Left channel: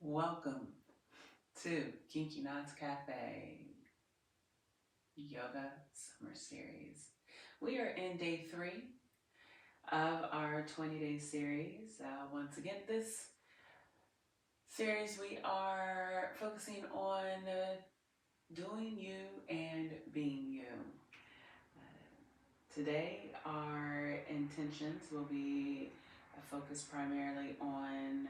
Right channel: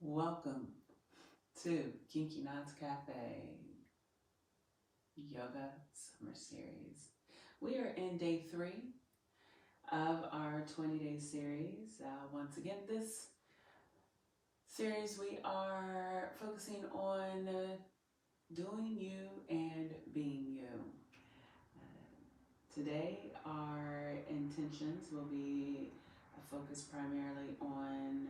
Welcome to Kinky Knots Cafe Yoga Summer Series. We are in day 3 of our 20-day series. Once again, this series we are focusing on doing you and being you. Today, our intentions will be focused primarily on,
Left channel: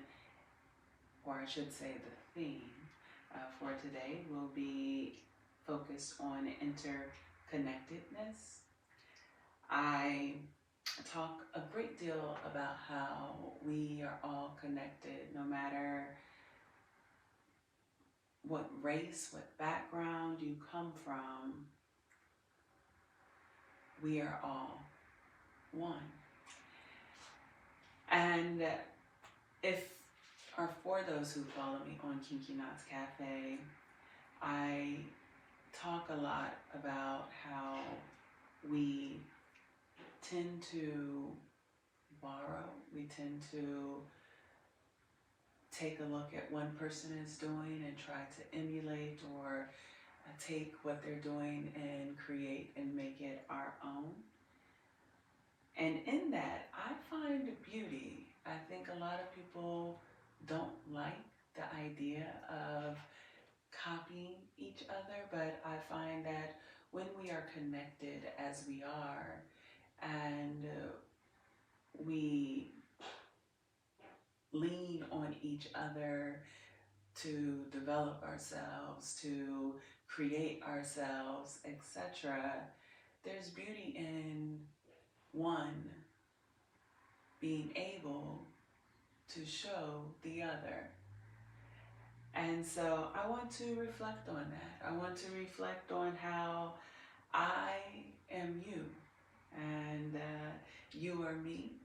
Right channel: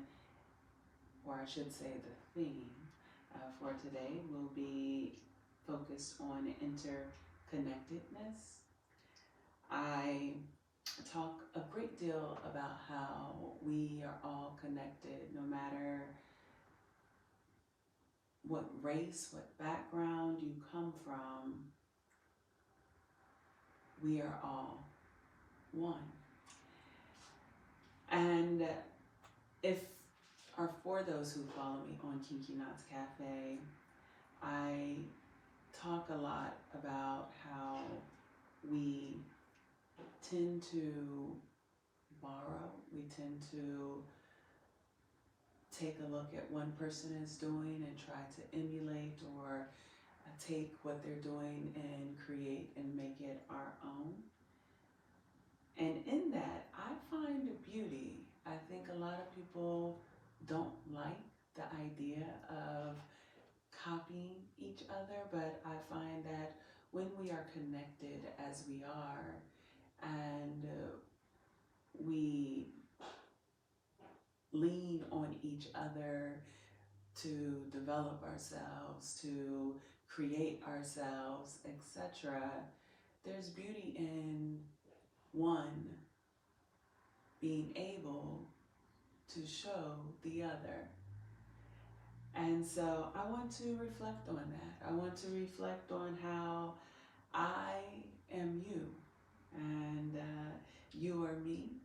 or I should say the theme for today will be focused on interconnectedness. I talk a great deal about how we are all connected, no matter what race, what background you come from, we are all one. And if, or for those who follow me on Kinky Knots Cafe, I talk a lot about how we tend to borrow, we tend to take a look at one person is doing and try to emulate or take what they're doing and create and make it our own. And in that, I find beauty. I think a lot of people don't like the idea of copying each other, but I find that when we are connected as we are and we lean on each other to develop ourselves, to create ourselves, etc., there's beauty in one being able to show the other. And so I want to reflect on that. I want to reflect on how I am you and you are me.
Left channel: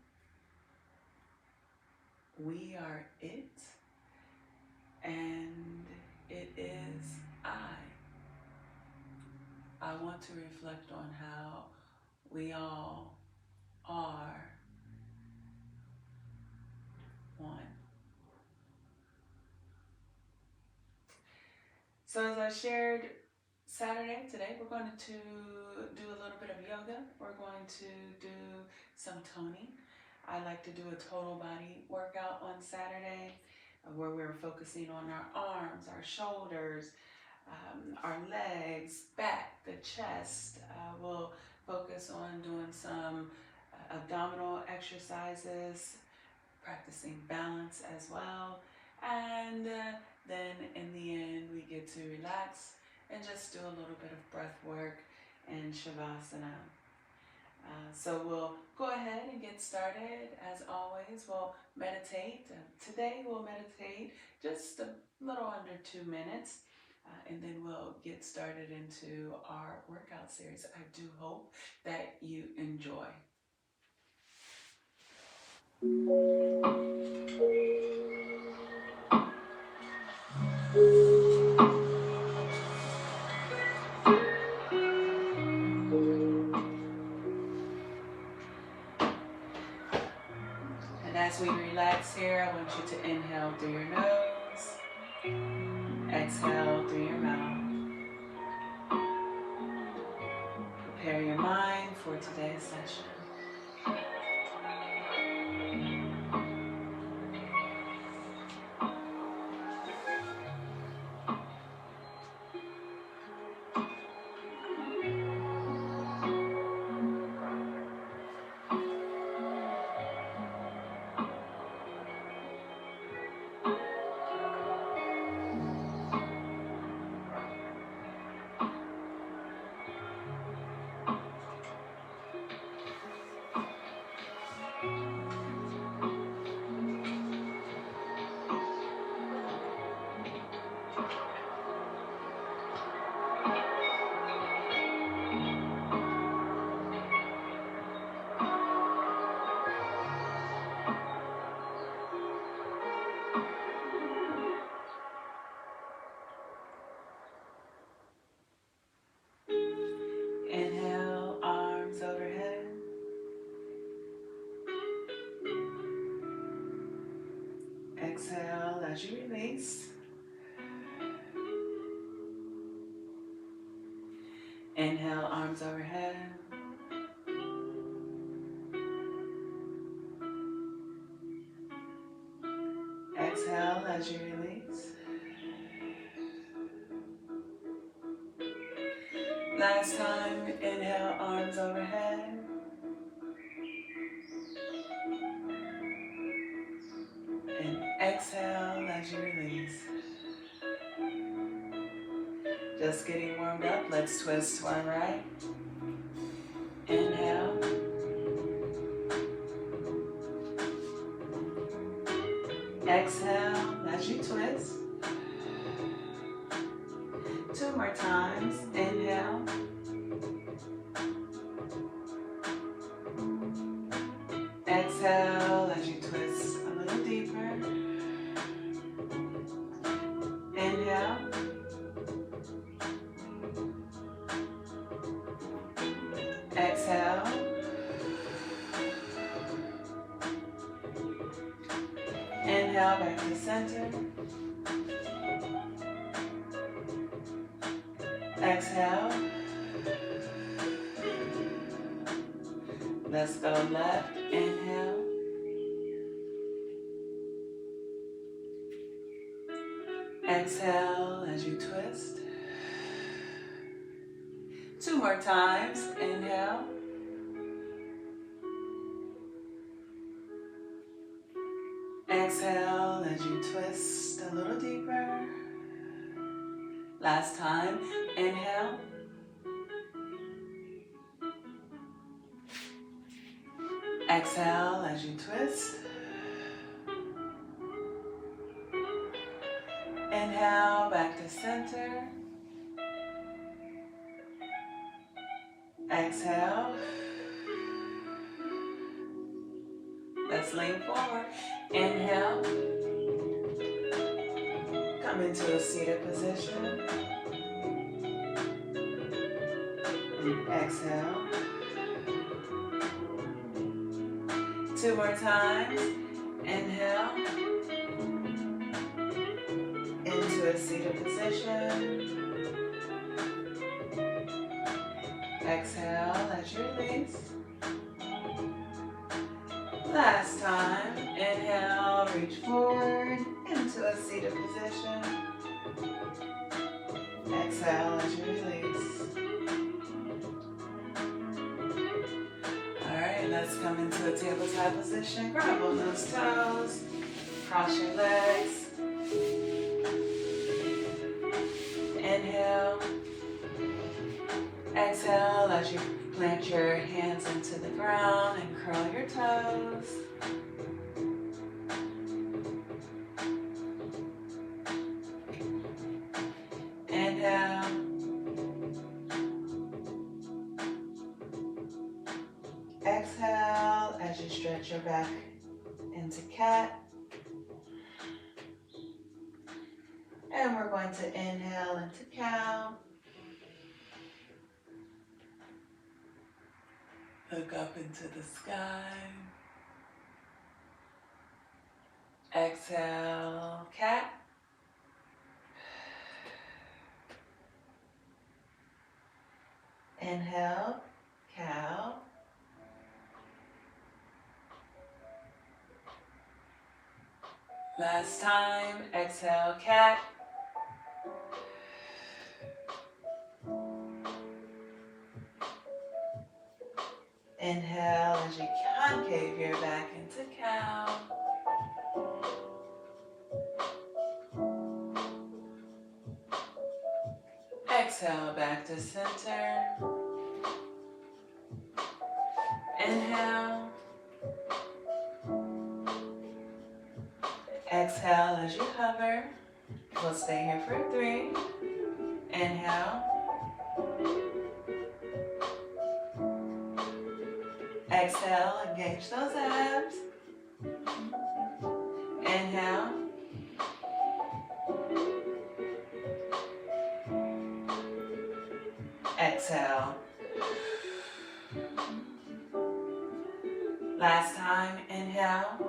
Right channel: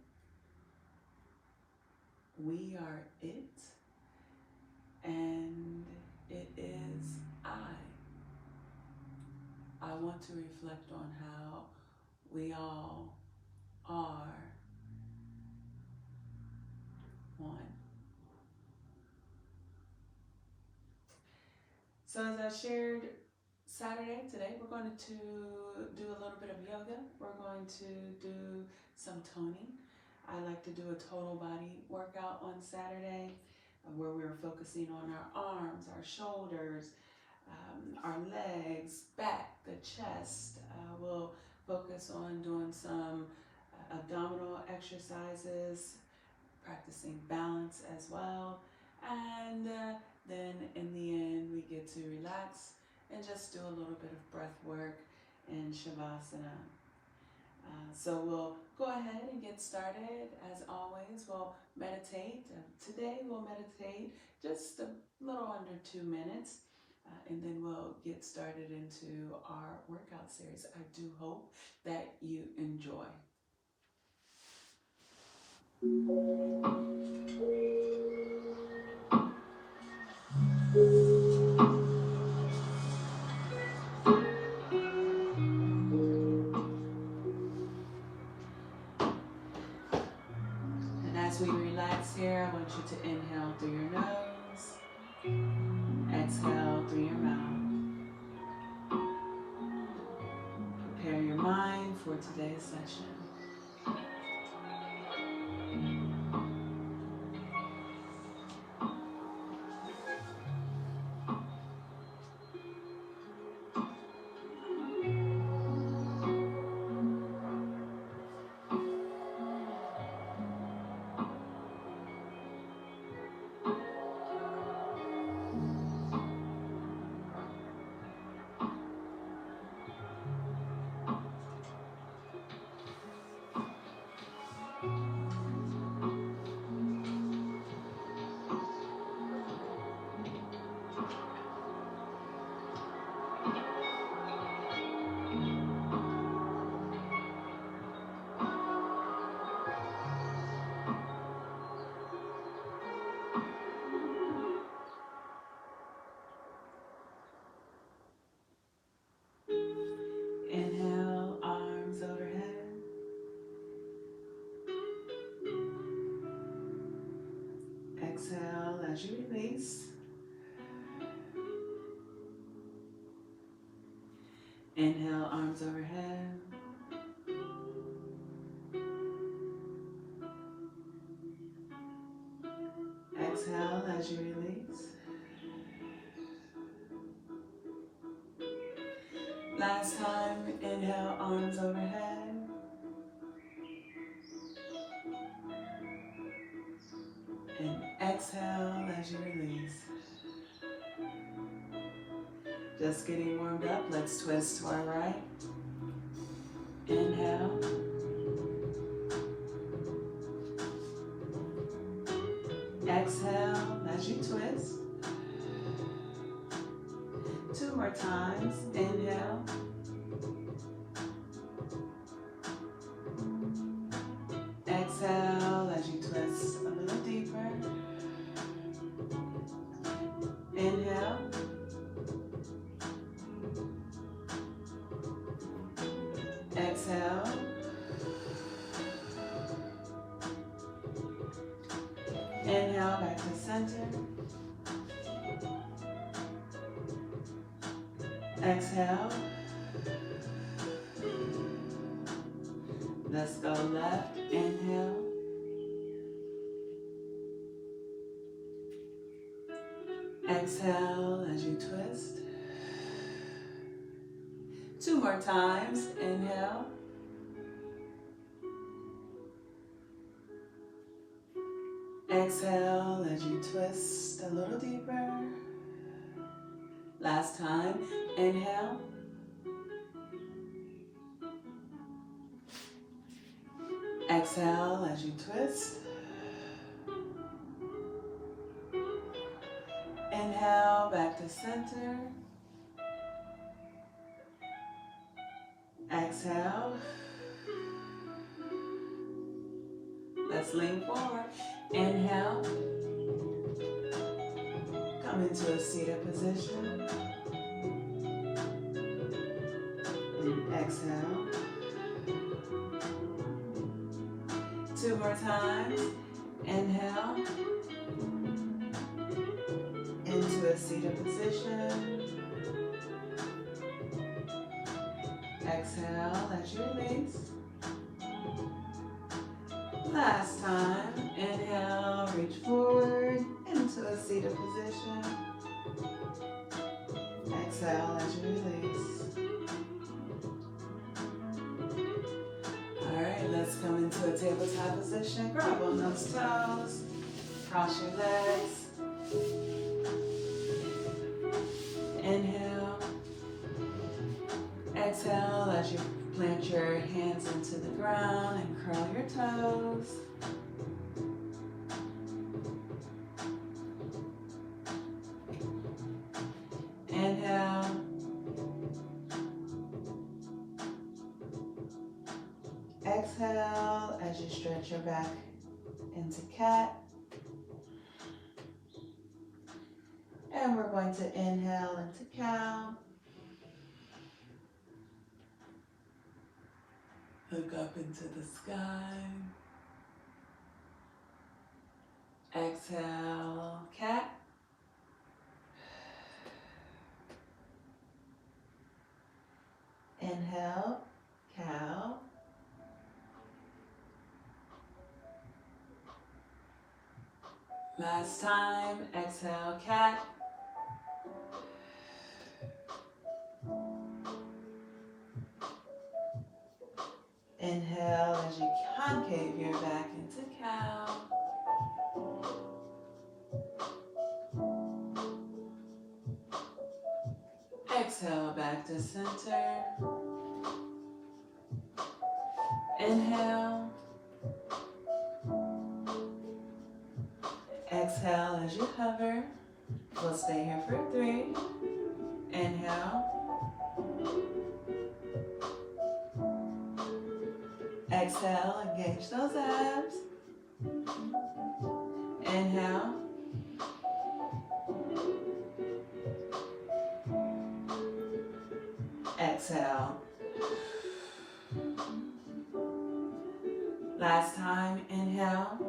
We are it and it is I. I want to reflect on how we all are one. So as I shared Saturday, today we're going to do a little bit of yoga. We're going to do some toning. I like to do a total body workout on Saturday where we're focusing on our arms, our shoulders, our legs, back, the chest. We'll focus on doing some abdominal exercises, practicing balance as well. And then in the end, we get to relax and just do a little bit of breath work and Shavasana. So we'll go ahead and get started. As always, we'll meditate. Today we'll meditate just a little under 2 minutes. And then we'll get started into our workout series. I do hope that you enjoy. And as we relax here, I want you to inhale through your nose, exhale through your mouth. Prepare your mind for today's session. as you release. Inhale, arms overhead. Exhale as you release. Last time, inhale, arms overhead. And exhale as you release. Just getting warmed up. Let's twist to our right. Inhale. Exhale as you twist. 2 more times. Inhale. Exhale as you twist a little deeper. Inhale. Exhale. Inhale back to center. Exhale. Let's go left. Inhale. Exhale as you twist. 2 more times. Inhale. Exhale as you twist a little deeper. Last time. Inhale. Exhale as you twist. Inhale, back to center. Exhale. Let's lean forward. Inhale. Come into a seated position. And exhale. 2 more times. Inhale. Into a seated position. Exhale as you release. Last time. Inhale, reach forward into a seated position. Exhale as you release. Alright, let's come into a tabletop position. Grab on those toes. Cross your legs. Inhale. Exhale as you plant your hands into the ground and curl your toes. Inhale. Exhale as you stretch your back into cat. And we're going to inhale into cow. Look up into the sky. Exhale, cat. Inhale, cow. Last time, exhale, cat. Inhale as you concave your back into cow. Exhale back to center. Inhale. Exhale as you hover. We'll stay here for 3. Inhale. Exhale, engage those abs. Inhale. Exhale. Last time, inhale.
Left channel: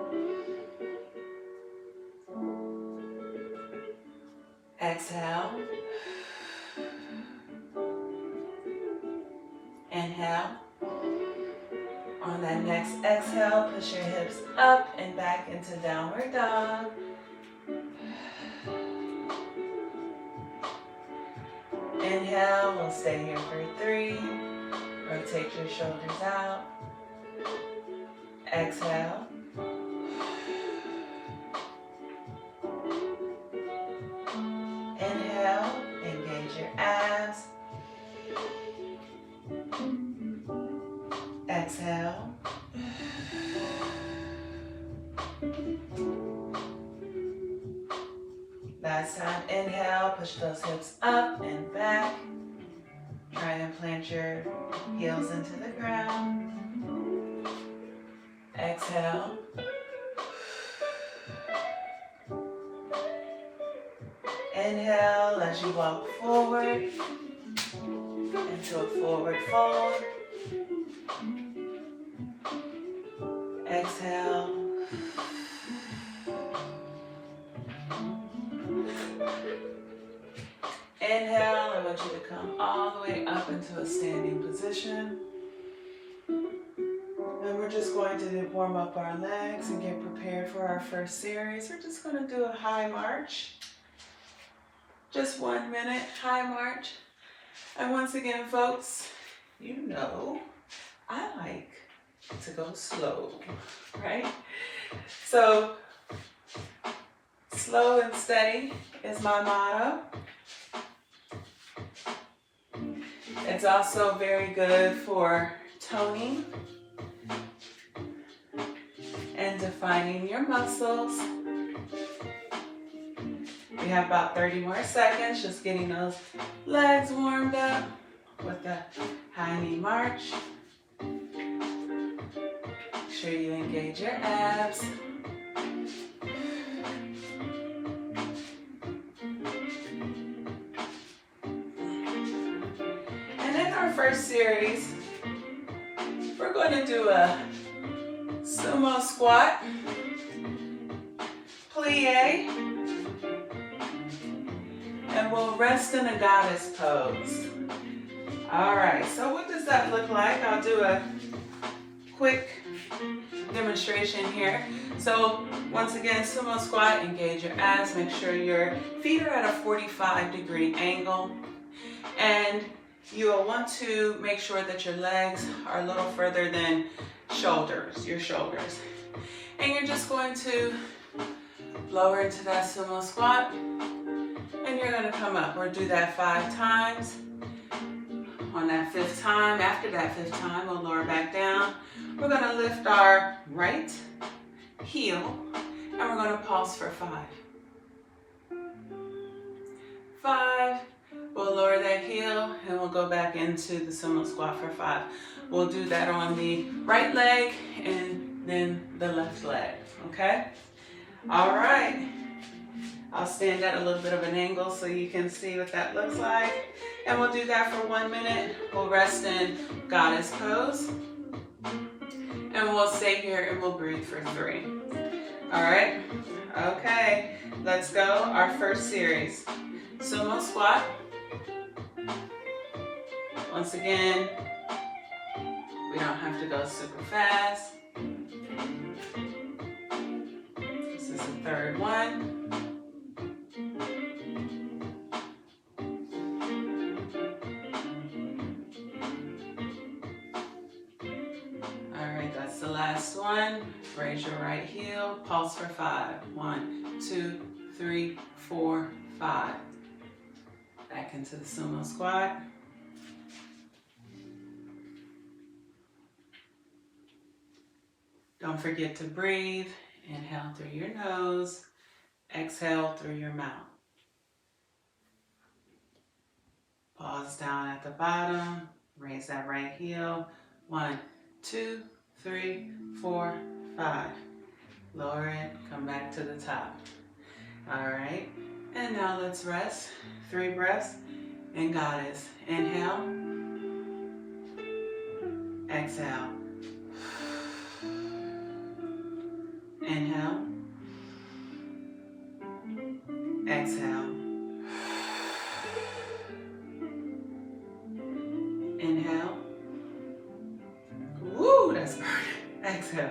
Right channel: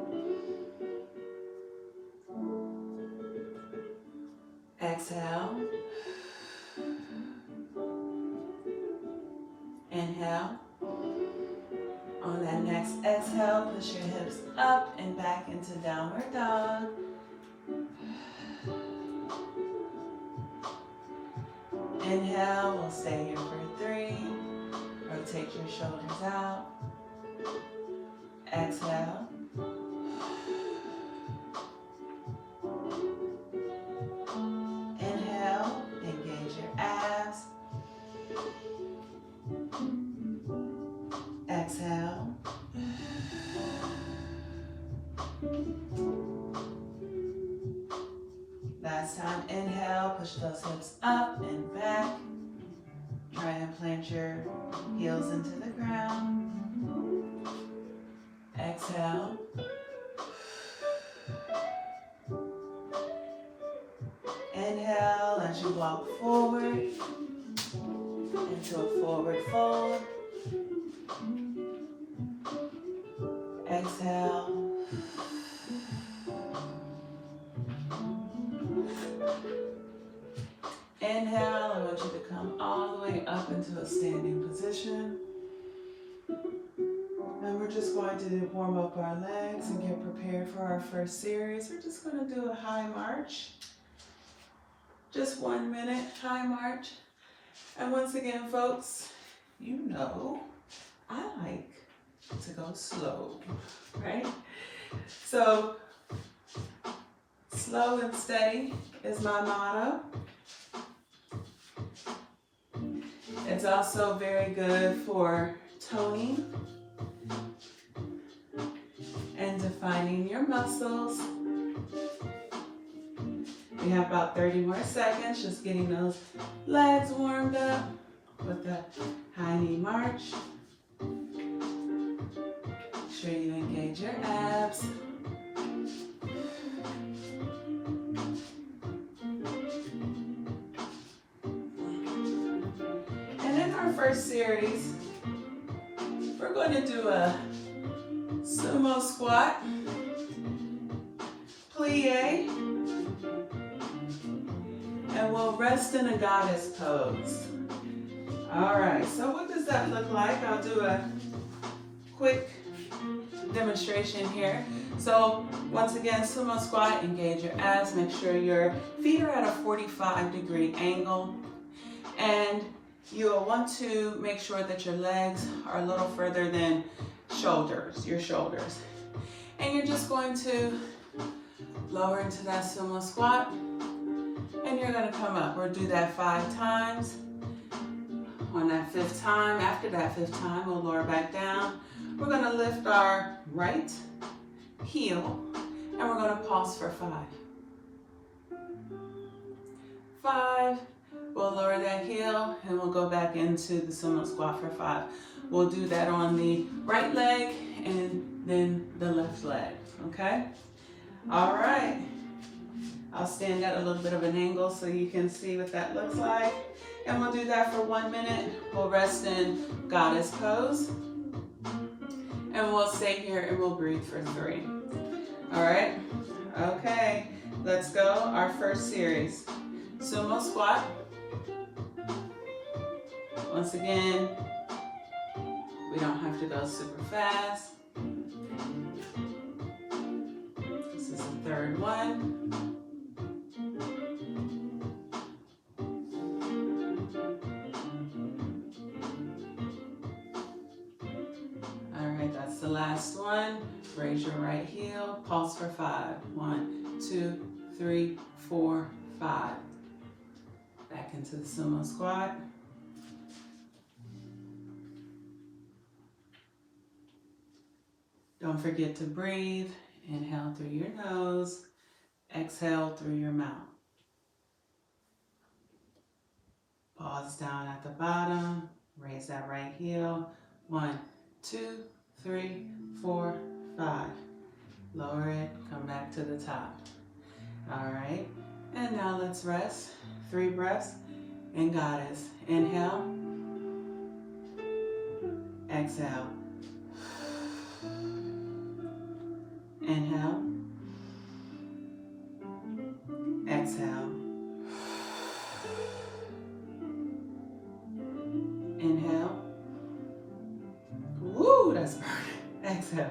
Exhale. Inhale. On that next exhale, push your hips up and back into downward dog. Inhale, we'll stay here for 3. Rotate your shoulders out. Exhale. Inhale, engage your abs. Exhale. Last time, inhale, push those hips up and back. Try and plant your heels into the ground. Exhale. Inhale as you walk forward into a forward fold. Exhale. Inhale, I want you to come all the way up into a standing position. And we're just going to warm up our legs and get prepared for our first series. We're just going to do a high march. Just 1 minute, high march. And once again, folks, you know, I like to go slow, right? So, slow and steady is my motto. It's also very good for toning and defining your muscles. We have about 30 more seconds, just getting those legs warmed up with the high knee march. Make sure you engage your abs. And in our first series, we're going to do a sumo squat, plie, and we'll rest in a goddess pose. All right, so what does that look like? I'll do a quick demonstration here. So once again, sumo squat, engage your abs, make sure your feet are at a 45-degree angle, and you'll want to make sure that your legs are a little further than your shoulders. And you're just going to lower into that sumo squat, and you're going to come up. We'll do that 5 times. On that 5th time, after that 5th time, we'll lower back down. We're going to lift our right heel, and we're going to pulse for 5. 5, we'll lower that heel, and we'll go back into the sumo squat for 5. We'll do that on the right leg and then the left leg, okay? All right. I'll stand at a little bit of an angle so you can see what that looks like. And we'll do that for 1 minute. We'll rest in goddess pose. And we'll stay here and we'll breathe for 3. All right? Okay, let's go. Our first series. Sumo squat. Once again, we don't have to go super fast. This is the 3rd one. That's the last one. Raise your right heel, pulse for 5. 1, 2, 3, 4, 5. Back into the sumo squat. Don't forget to breathe. Inhale through your nose, exhale through your mouth. Pause down at the bottom, raise that right heel. 1, 2, 3, 4, 5. Lower it, come back to the top. All right, and now let's rest. 3 breaths in goddess. Inhale, exhale. Inhale, exhale. Exhale.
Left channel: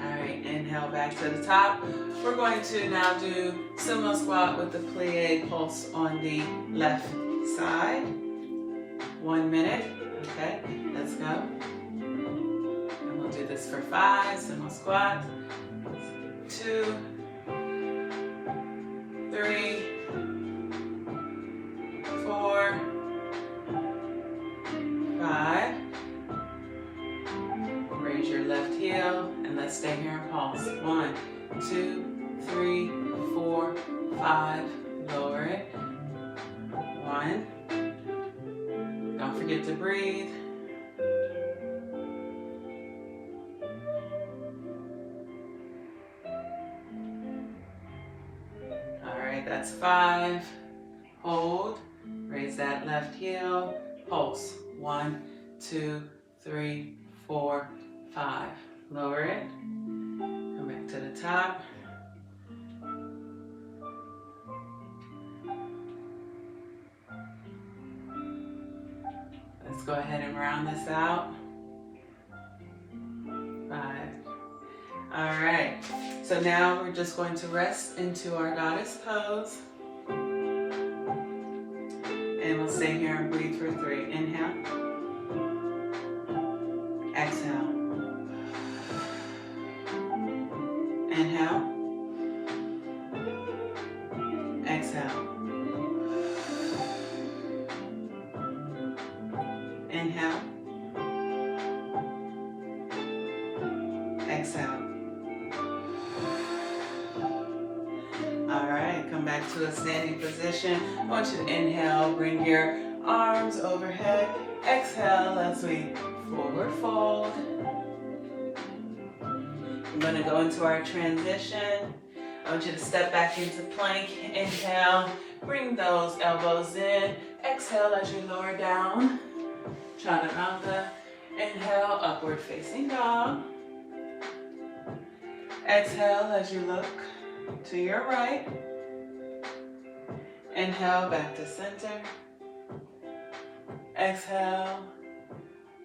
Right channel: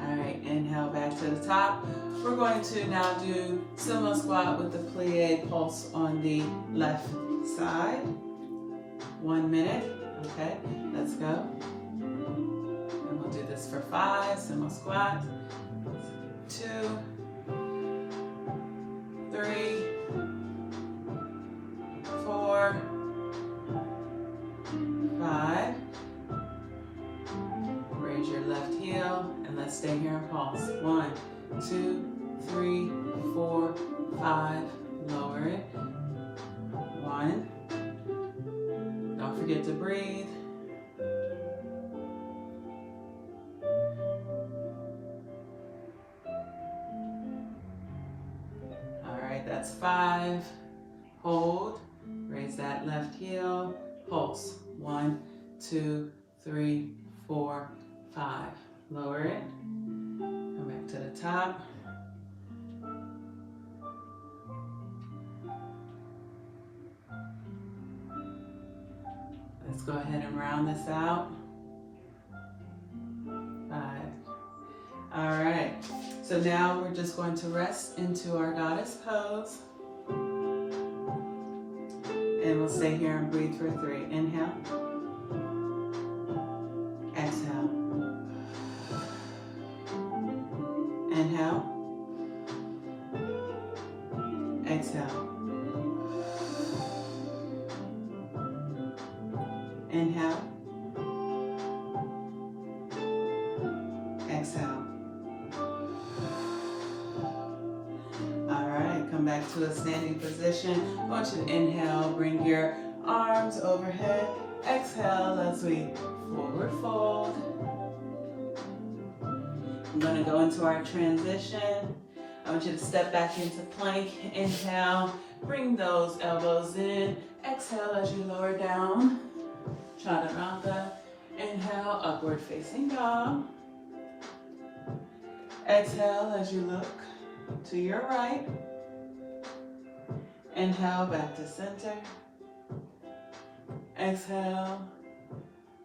All right, inhale back to the top. We're going to now do sumo squat with the plie pulse on the left side. 1 minute. Okay, let's go. And we'll do this for 5, sumo squat. 2, 3, 4, 5. Raise your left heel and let's stay here and pulse. 1, 2, 3, 4, 5. Lower it. 1. Don't forget to breathe. All right, that's 5. Hold. Raise that left heel. Pulse. 1, 2, 3, 4, 5. Lower it. Come back to the top. Let's go ahead and round this out. 5. All right. So now we're just going to rest into our goddess pose. And we'll stay here and breathe for 3. Inhale. Exhale. Inhale. Exhale. Inhale. Exhale. All right, come back to a standing position. I want you to inhale, bring your arms overhead. Exhale as we forward fold. I'm going to go into our transition. I want you to step back into plank. Inhale, bring those elbows in. Exhale as you lower down. Chaturanga. Inhale, upward facing dog. Exhale as you look to your right. Inhale, back to center. Exhale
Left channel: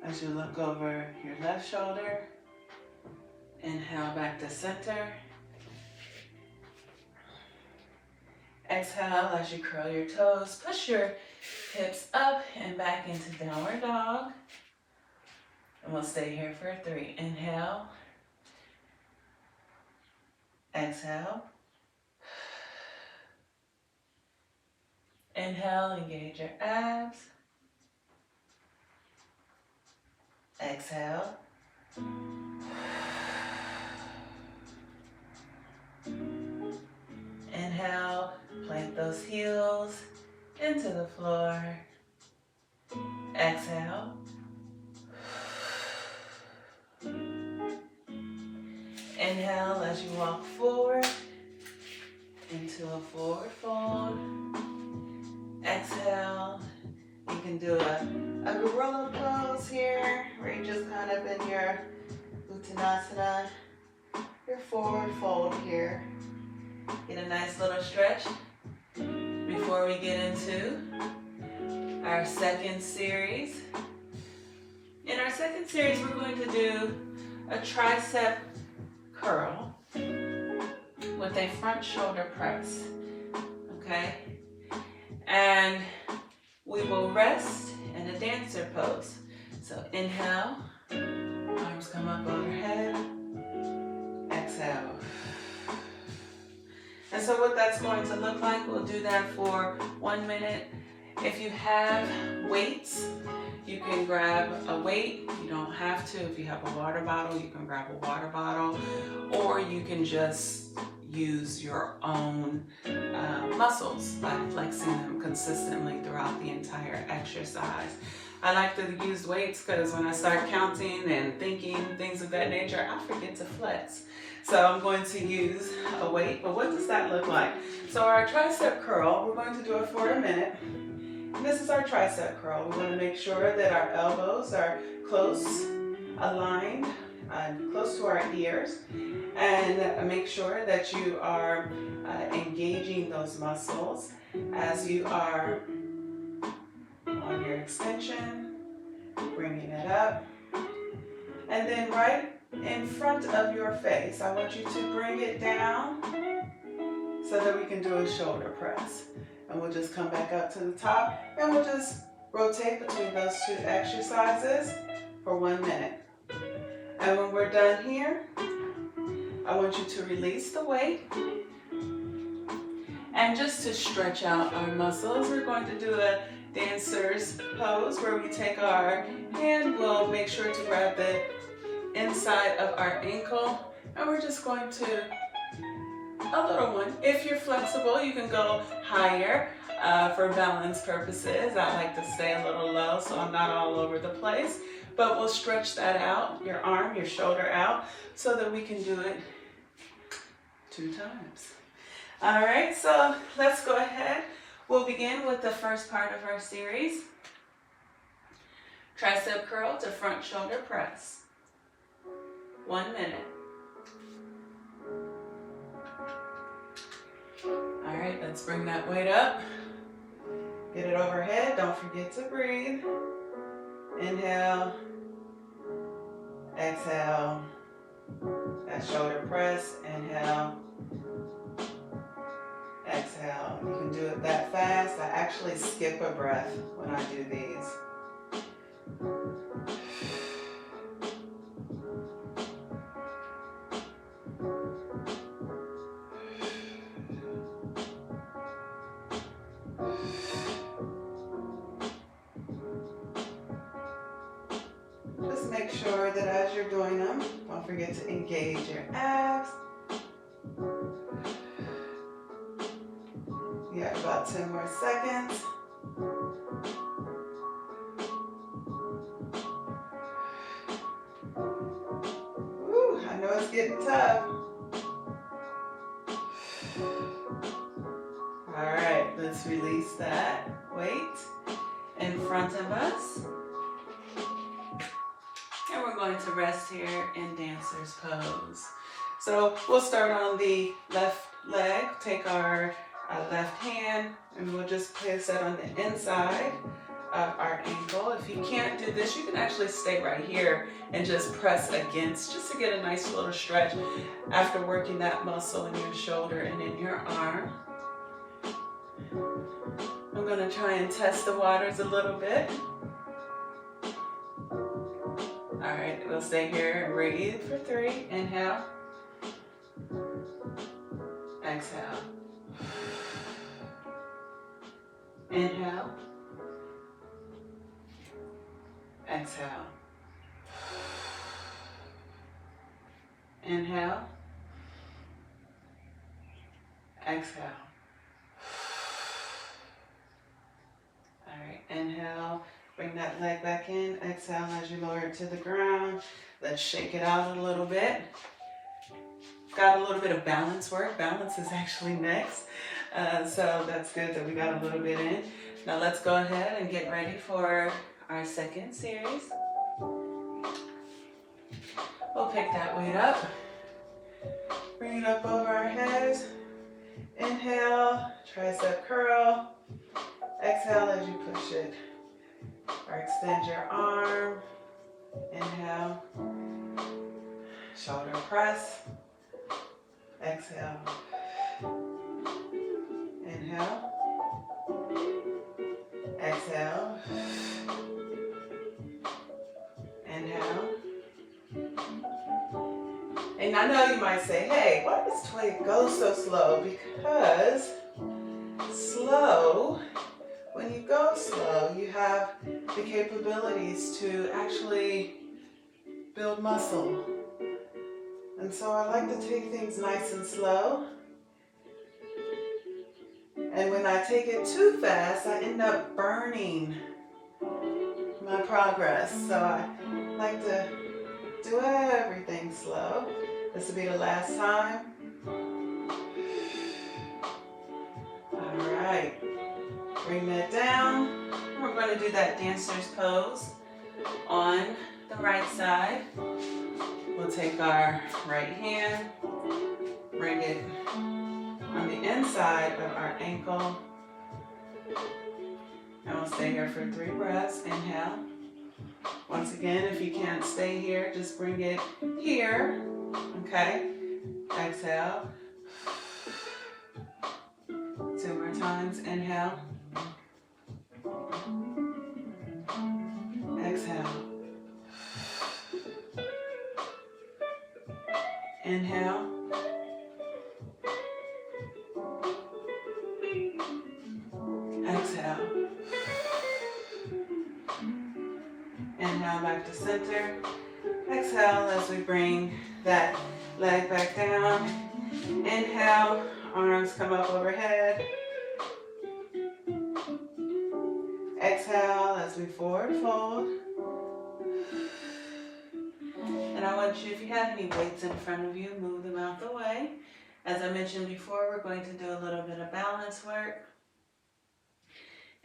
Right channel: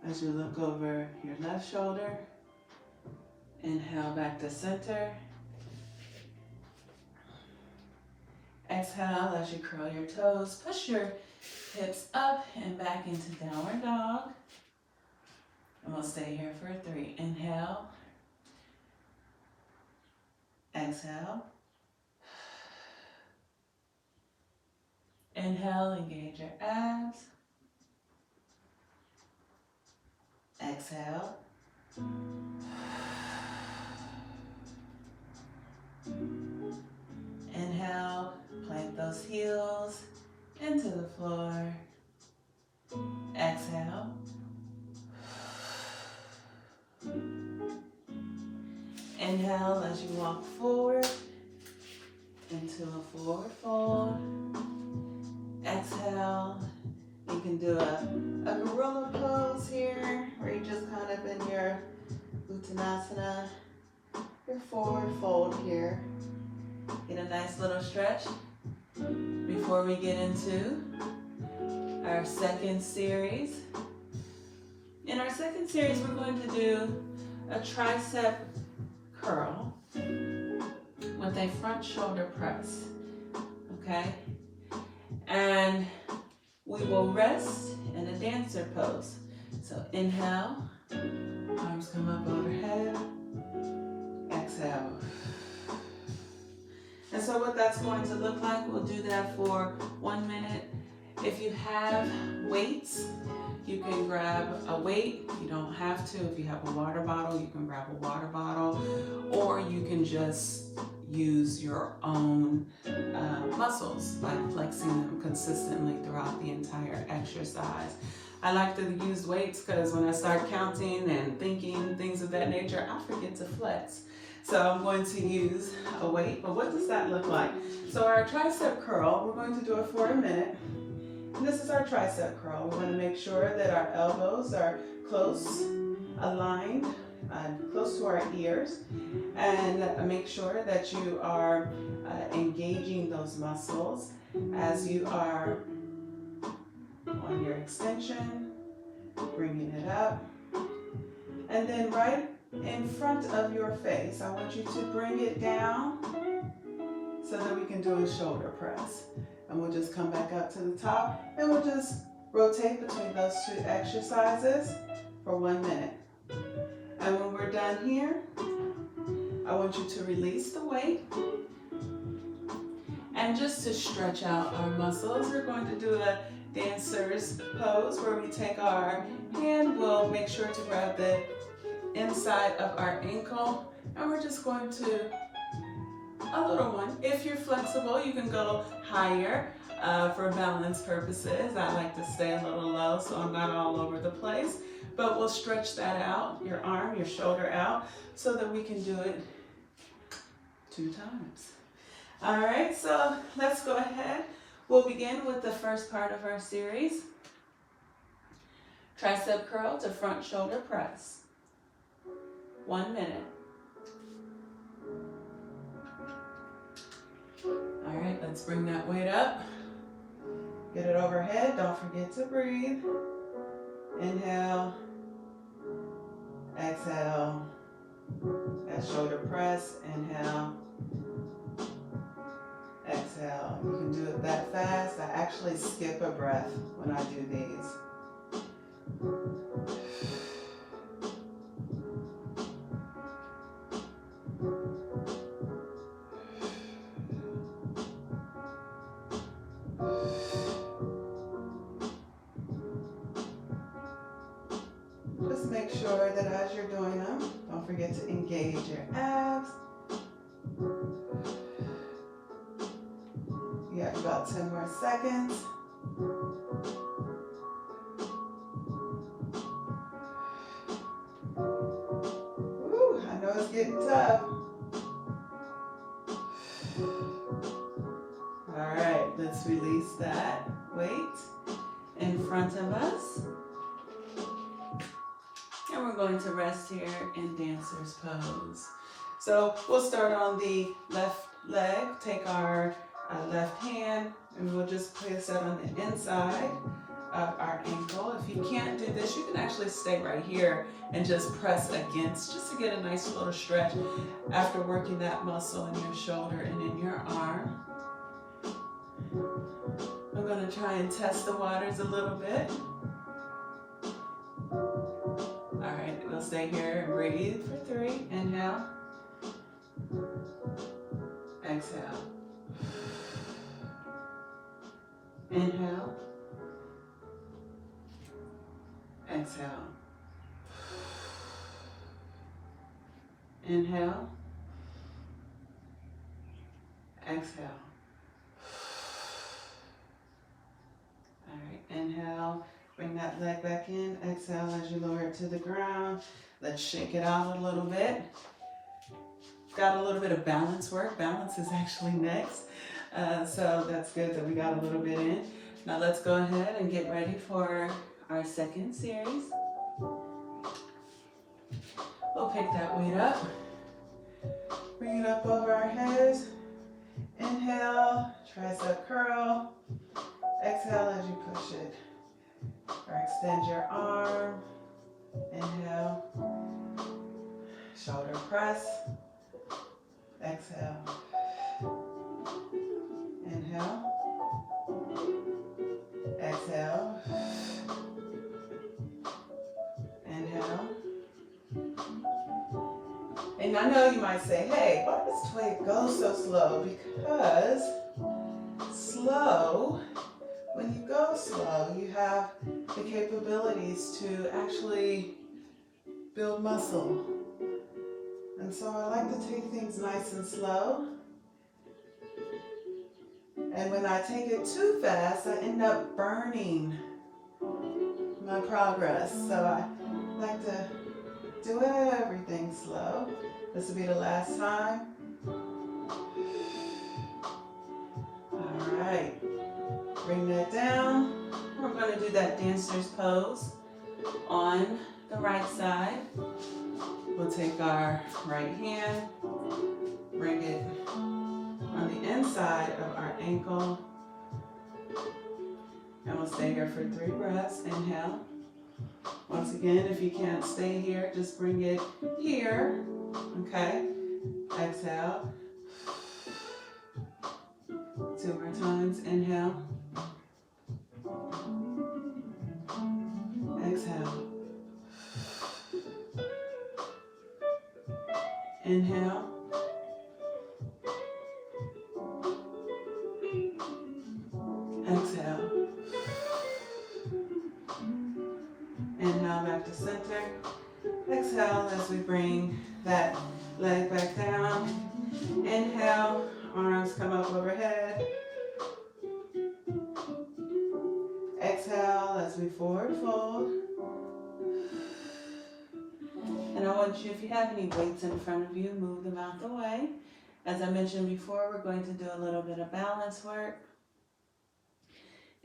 as you look over your left shoulder. Inhale, back to center. Exhale as you curl your toes. Push your hips up and back into downward dog. And we'll stay here for 3. Inhale. Exhale. Inhale, engage your abs. Exhale. Inhale, plant those heels into the floor. Exhale. Inhale as you walk forward into a forward fold. Exhale. You can do a gorilla pose here, where you just kind of in your uttanasana, your forward fold here. Get a nice little stretch before we get into our second series. In our second series, we're going to do a tricep curl with a front shoulder press, okay? And we will rest in a dancer pose. So inhale, arms come up overhead, exhale. And so what that's going to look like, we'll do that for 1 minute. If you have weights, you can grab a weight. You don't have to. If you have a water bottle, you can grab a water bottle, or you can just use your own muscles by flexing them consistently throughout the entire exercise. I like to use weights because when I start counting and thinking things of that nature, I forget to flex. So I'm going to use a weight, but what does that look like? So our tricep curl, we're going to do it for 1 minute. And this is our tricep curl. We want to make sure that our elbows are close, aligned, close to our ears, and make sure that you are engaging those muscles as you are on your extension bringing it up. And then right in front of your face, I want you to bring it down so that we can do a shoulder press. And we'll just come back up to the top and we'll just rotate between those two exercises for 1 minute. And when we're done here, I want you to release the weight. And just to stretch out our muscles, we're going to do a dancer's pose where we take our hand, we'll make sure to grab the inside of our ankle, and we're just going to, a little one. If you're flexible, you can go higher for balance purposes. I like to stay a little low so I'm not all over the place, but we'll stretch that out, your arm, your shoulder out, so that we can do it 2 times. All right, so let's go ahead. We'll begin with the first part of our series. Tricep curl to front shoulder press. 1 minute. All right, let's bring that weight up. Get it overhead. Don't forget to breathe. Inhale. Exhale. That shoulder press. Inhale. Exhale. You can do it that fast. I actually skip a breath when I do these. Just make sure that as you're doing them, don't forget to engage your abs. You have about 10 more seconds. Ooh, I know it's getting tough. All right, let's release that weight in front of us. And we're going to rest here in dancer's pose. So we'll start on the left leg, take our left hand, and we'll just place that on the inside of our ankle. If you can't do this, you can actually stay right here and just press against, just to get a nice little stretch after working that muscle in your shoulder and in your arm. I'm gonna try and test the waters a little bit. All right, we'll stay here and breathe for 3. Inhale. Exhale. Inhale. Exhale. Inhale. Exhale. All right, inhale. Bring that leg back in. Exhale as you lower it to the ground. Let's shake it out a little bit. Got a little bit of balance work. Balance is actually next. So that's good that we got a little bit in. Now let's go ahead and get ready for our second series. We'll pick that weight up. Bring it up over our heads. Inhale, tricep curl. Exhale as you push it. Or extend your arm. Inhale. Shoulder press. Exhale. Inhale. Exhale. Inhale. And I know you might say, hey, why does Twig go so slow? Because slow, when you go slow, you have the capabilities to actually build muscle. And so I like to take things nice and slow. And when I take it too fast, I end up burning my progress. So I like to do everything slow. This will be the last time. All right. Bring that down. We're going to do that dancer's pose on the right side. We'll take our right hand, bring it on the inside of our ankle. And we'll stay here for 3 breaths. Inhale. Once again, if you can't stay here, just bring it here, okay? Exhale. 2 more times, inhale. Exhale. Inhale. Exhale. Inhale back to center. Exhale as we bring that leg back down. Inhale, arms come up overhead. Exhale as we forward fold. And I want you, if you have any weights in front of you, move them out the way. As I mentioned before, we're going to do a little bit of balance work.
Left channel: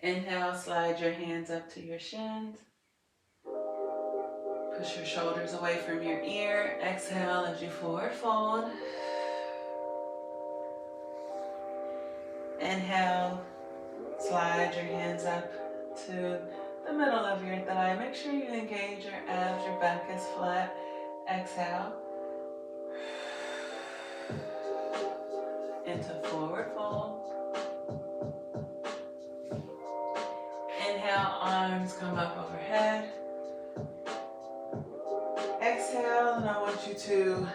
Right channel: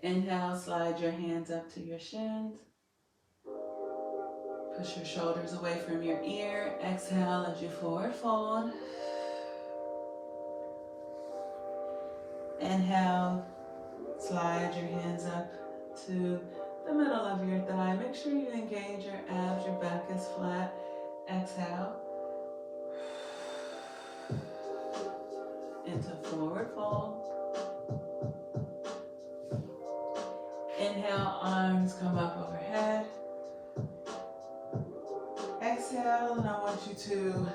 Inhale, slide your hands up to your shins. Push your shoulders away from your ear. Exhale as you forward fold. Inhale, slide your hands up to the middle of your thigh. Make sure you engage your abs, your back is flat. Exhale. Into forward fold. Inhale, arms come up overhead. Exhale, and I want you to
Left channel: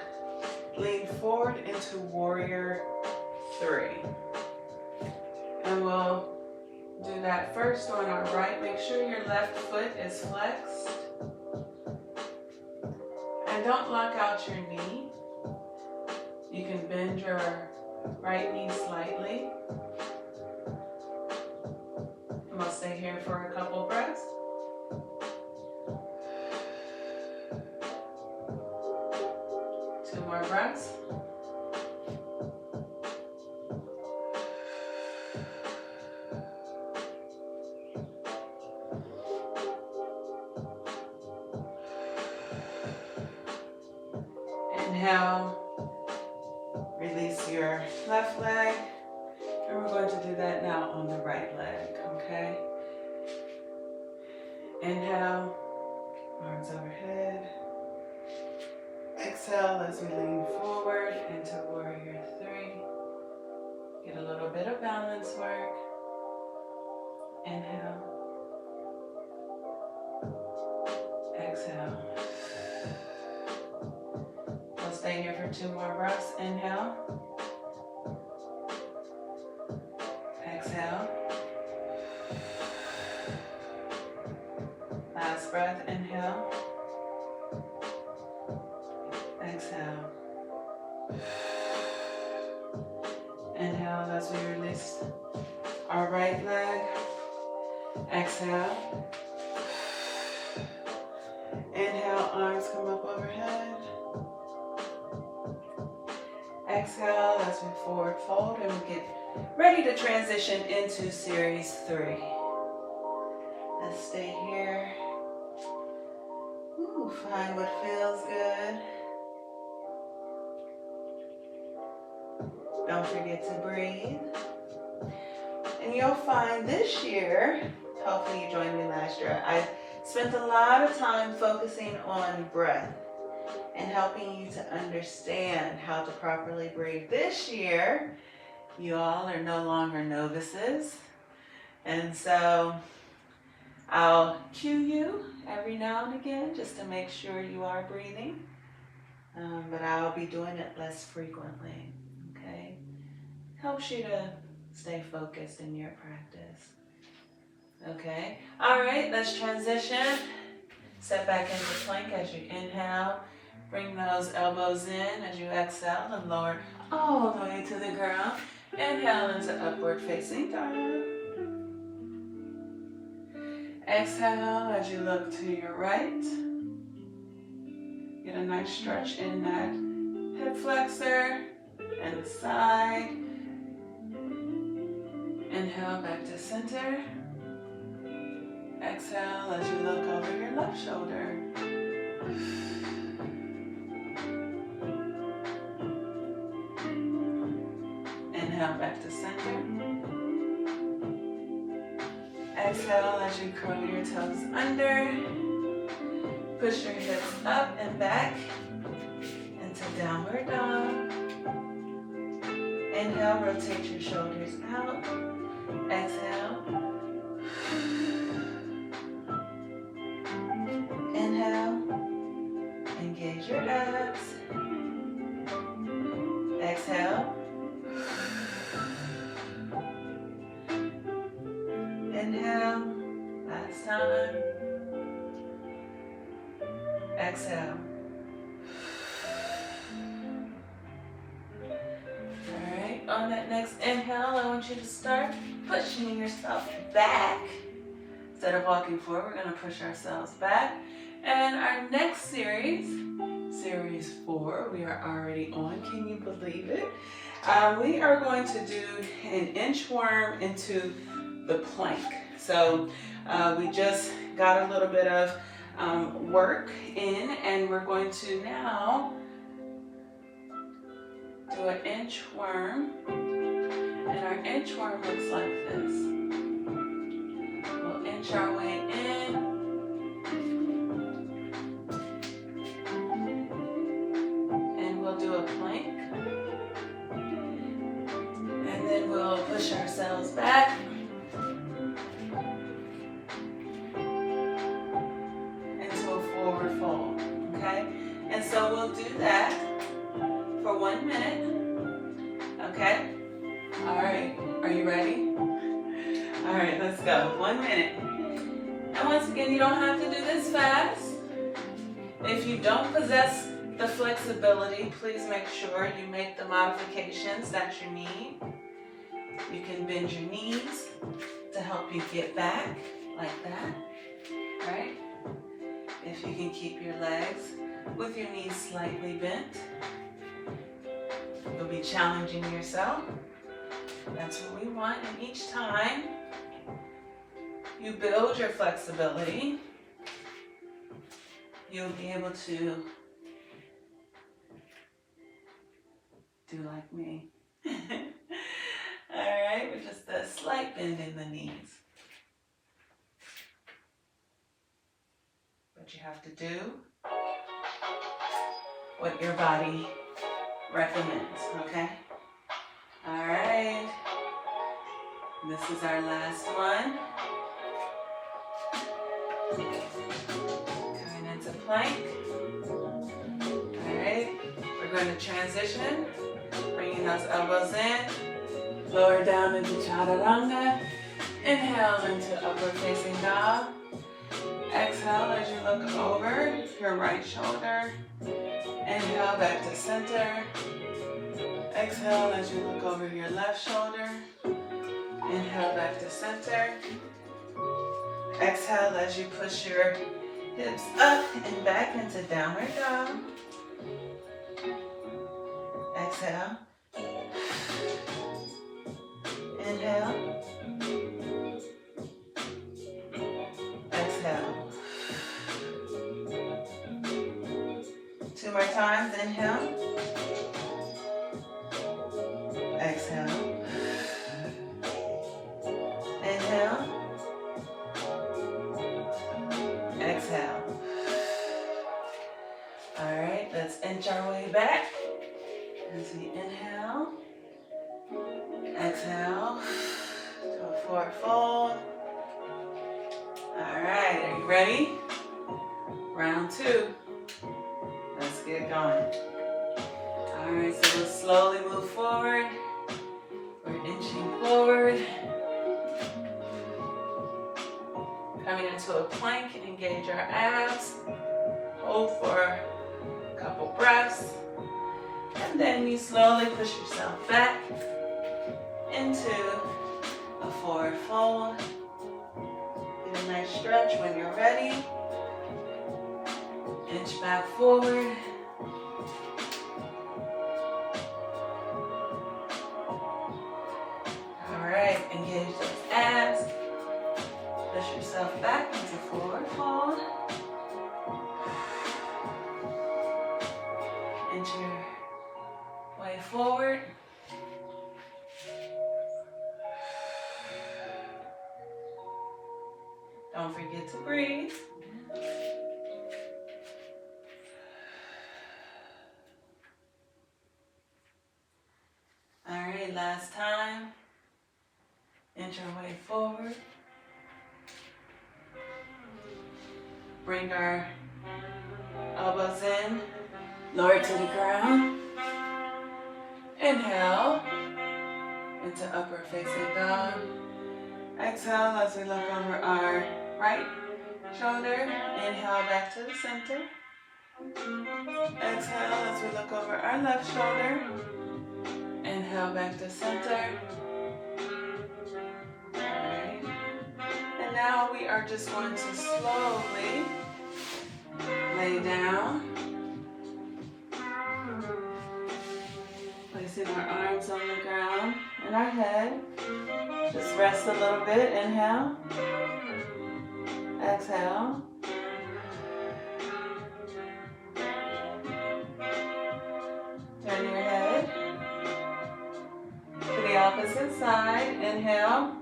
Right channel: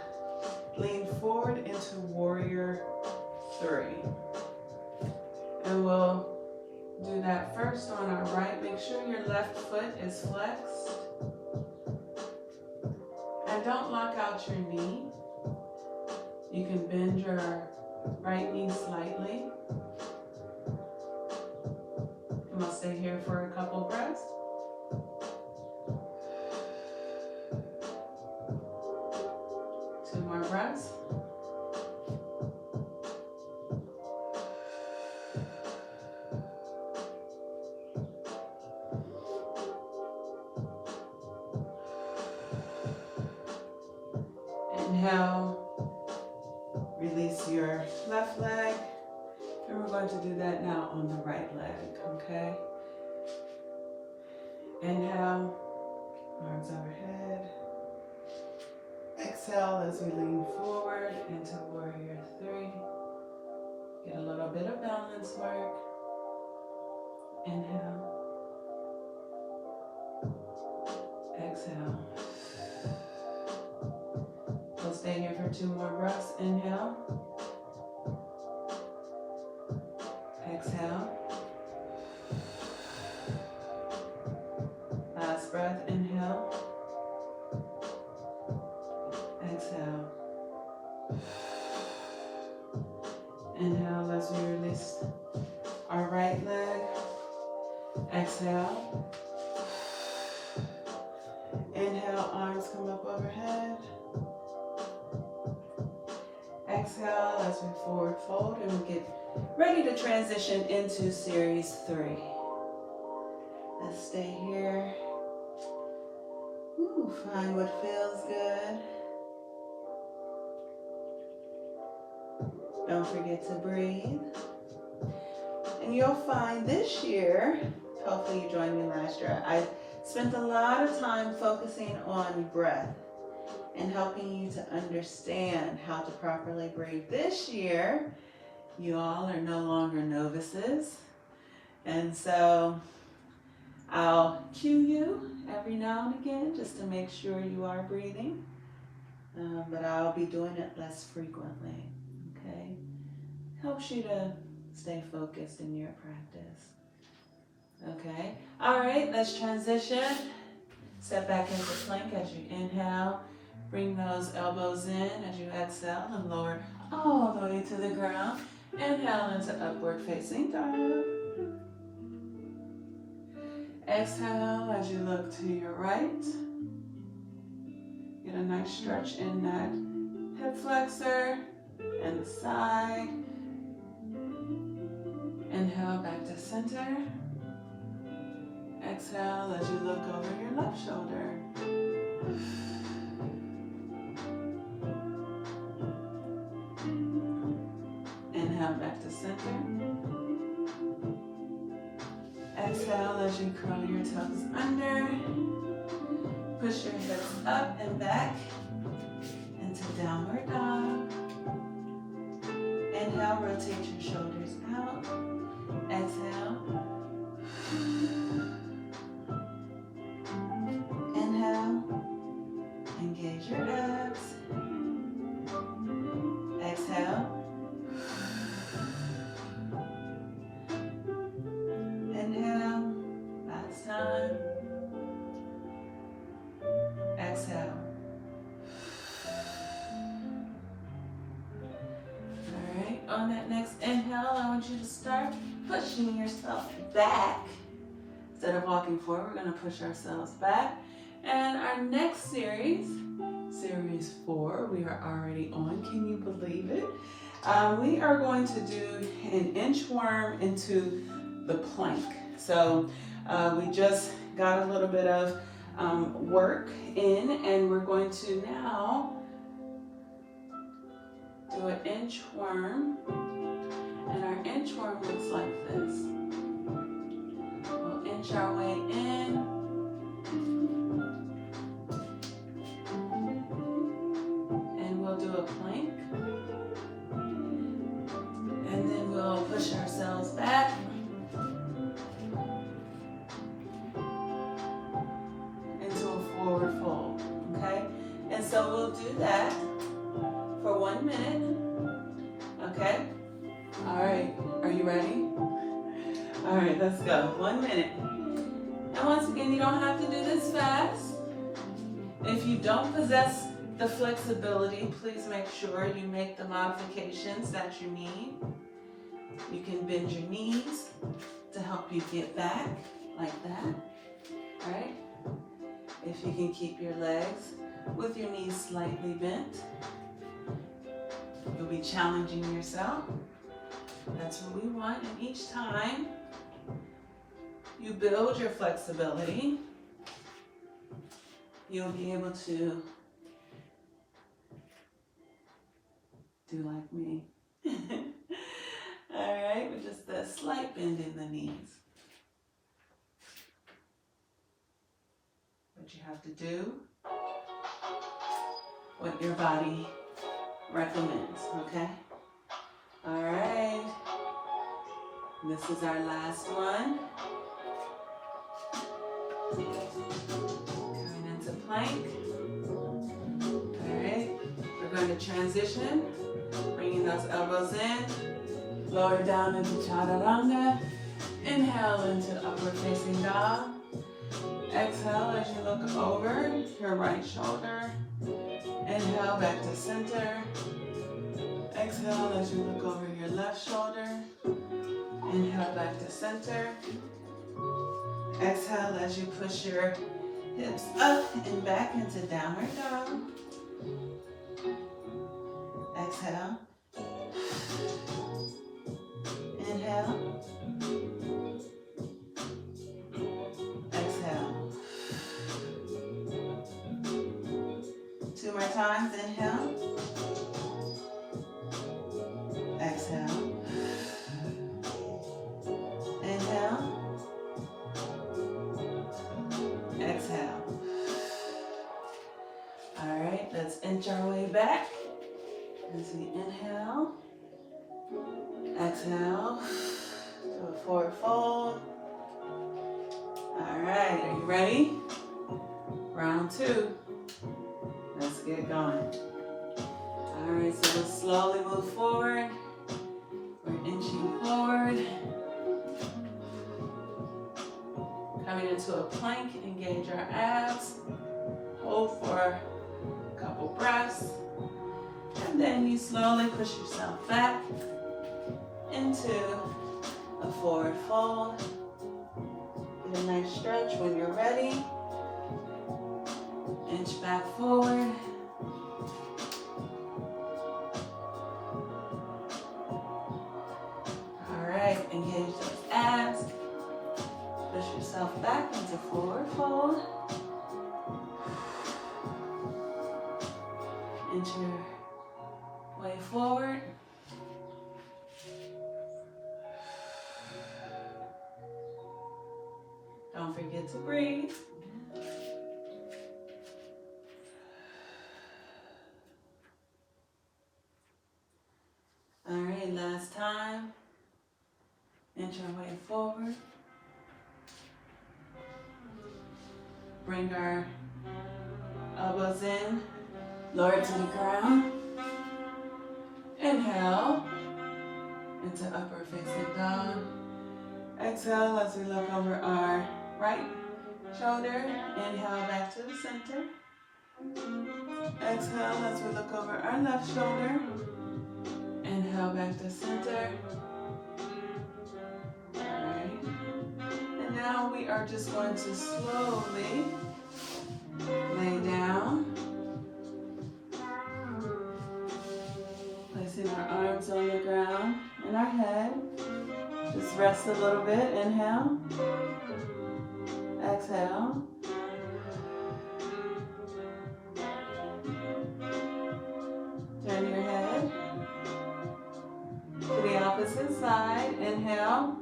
lean forward into warrior 3. And we'll do that first on our right. Make sure your left foot is flexed. And don't lock out your knee. You can bend your right knee slightly. And we'll stay here for a couple breaths. Two more breaths. Inhale, release your left leg, and we're going to do that now on the right leg, okay? Inhale, arms overhead. Exhale as we lean forward into warrior 3. Get a little bit of balance work. Inhale. Exhale. We'll stay here for 2 more breaths. Inhale. Exhale. Last breath. Inhale. Exhale. Inhale as we release our right leg. Exhale. Inhale, arms come up overhead. Exhale as we forward fold, and we get ready to transition into series 3. Let's stay here. Ooh, find what feels good. Don't forget to breathe. And you'll find this year, hopefully you joined me last year, I spent a lot of time focusing on breath and helping you to understand how to properly breathe. This year, you all are no longer novices. And so I'll cue you every now and again just to make sure you are breathing. But I'll be doing it less frequently, okay? Helps you to stay focused in your practice. Okay, all right, let's transition. Step back into plank as you inhale. Bring those elbows in as you exhale and lower all the way to the ground. Inhale into upward facing dog. Exhale as you look to your right. Get a nice stretch in that hip flexor and the side. Inhale back to center. Exhale as you look over your left shoulder. Inhale back to center. Exhale as you curl your toes under. Push your hips up and back into downward dog. Inhale, rotate your shoulders out. Exhale. Inhale, engage your abs. Exhale. Inhale, last time. Exhale. All right, on that next inhale, I want you to start pushing yourself back. Instead of walking forward, we're going to push ourselves back. And our next series, series 4, we are already on. Can you believe it? We are going to do an inchworm into the plank. So we just got a little bit of work in, and we're going to now do an inchworm. And our inchworm looks like this. We'll inch our way in. And we'll do a plank. And then we'll push ourselves back. Into a forward fold. Okay? And so we'll do that for 1 minute. Okay? All right. Are you ready? All right, let's go. 1 minute. And once again, you don't have to do this fast. If you don't possess the flexibility, please make sure you make the modifications that you need. You can bend your knees to help you get back like that, right? If you can keep your legs with your knees slightly bent, you'll be challenging yourself. That's what we want. And each time you build your flexibility, you'll be able to do like me. All right, with just a slight bend in the knees. But you have to do what your body recommends, okay? All right. This is our last one. Coming into plank. All right. We're going to transition. Bringing those elbows in. Lower down into chaturanga. Inhale into upward facing dog. Exhale as you look over your right shoulder. Inhale back to center. Exhale as you look over your left shoulder. Inhale back to center. Exhale as you push your hips up and back into downward dog. Exhale. Inhale. Exhale. 2 more times. Inhale. Exhale. Inhale. Exhale. All right, let's inch our way back as we inhale. Exhale. Do a forward fold. All right, are you ready? Round 2. Let's get going. All right, so we'll slowly move forward. We're inching forward. Coming into a plank, engage our abs. Hold for a couple breaths. And then you slowly push yourself back into a forward fold. Get a nice stretch when you're ready. Inch back forward. All right, engage those abs. Push yourself back into forward fold. Inch your way forward. Don't forget to breathe. last time. Inch your way forward. Bring our elbows in, lower to the ground. Inhale into upper facing dog. Exhale as we look over our right shoulder. Inhale back to the center. Exhale as we look over our left shoulder. Inhale back to center. Alright. And now we are just going to slowly lay down. Placing our arms on the ground and our head. Just rest a little bit. Inhale. Exhale. Turn your head to the opposite side. Inhale.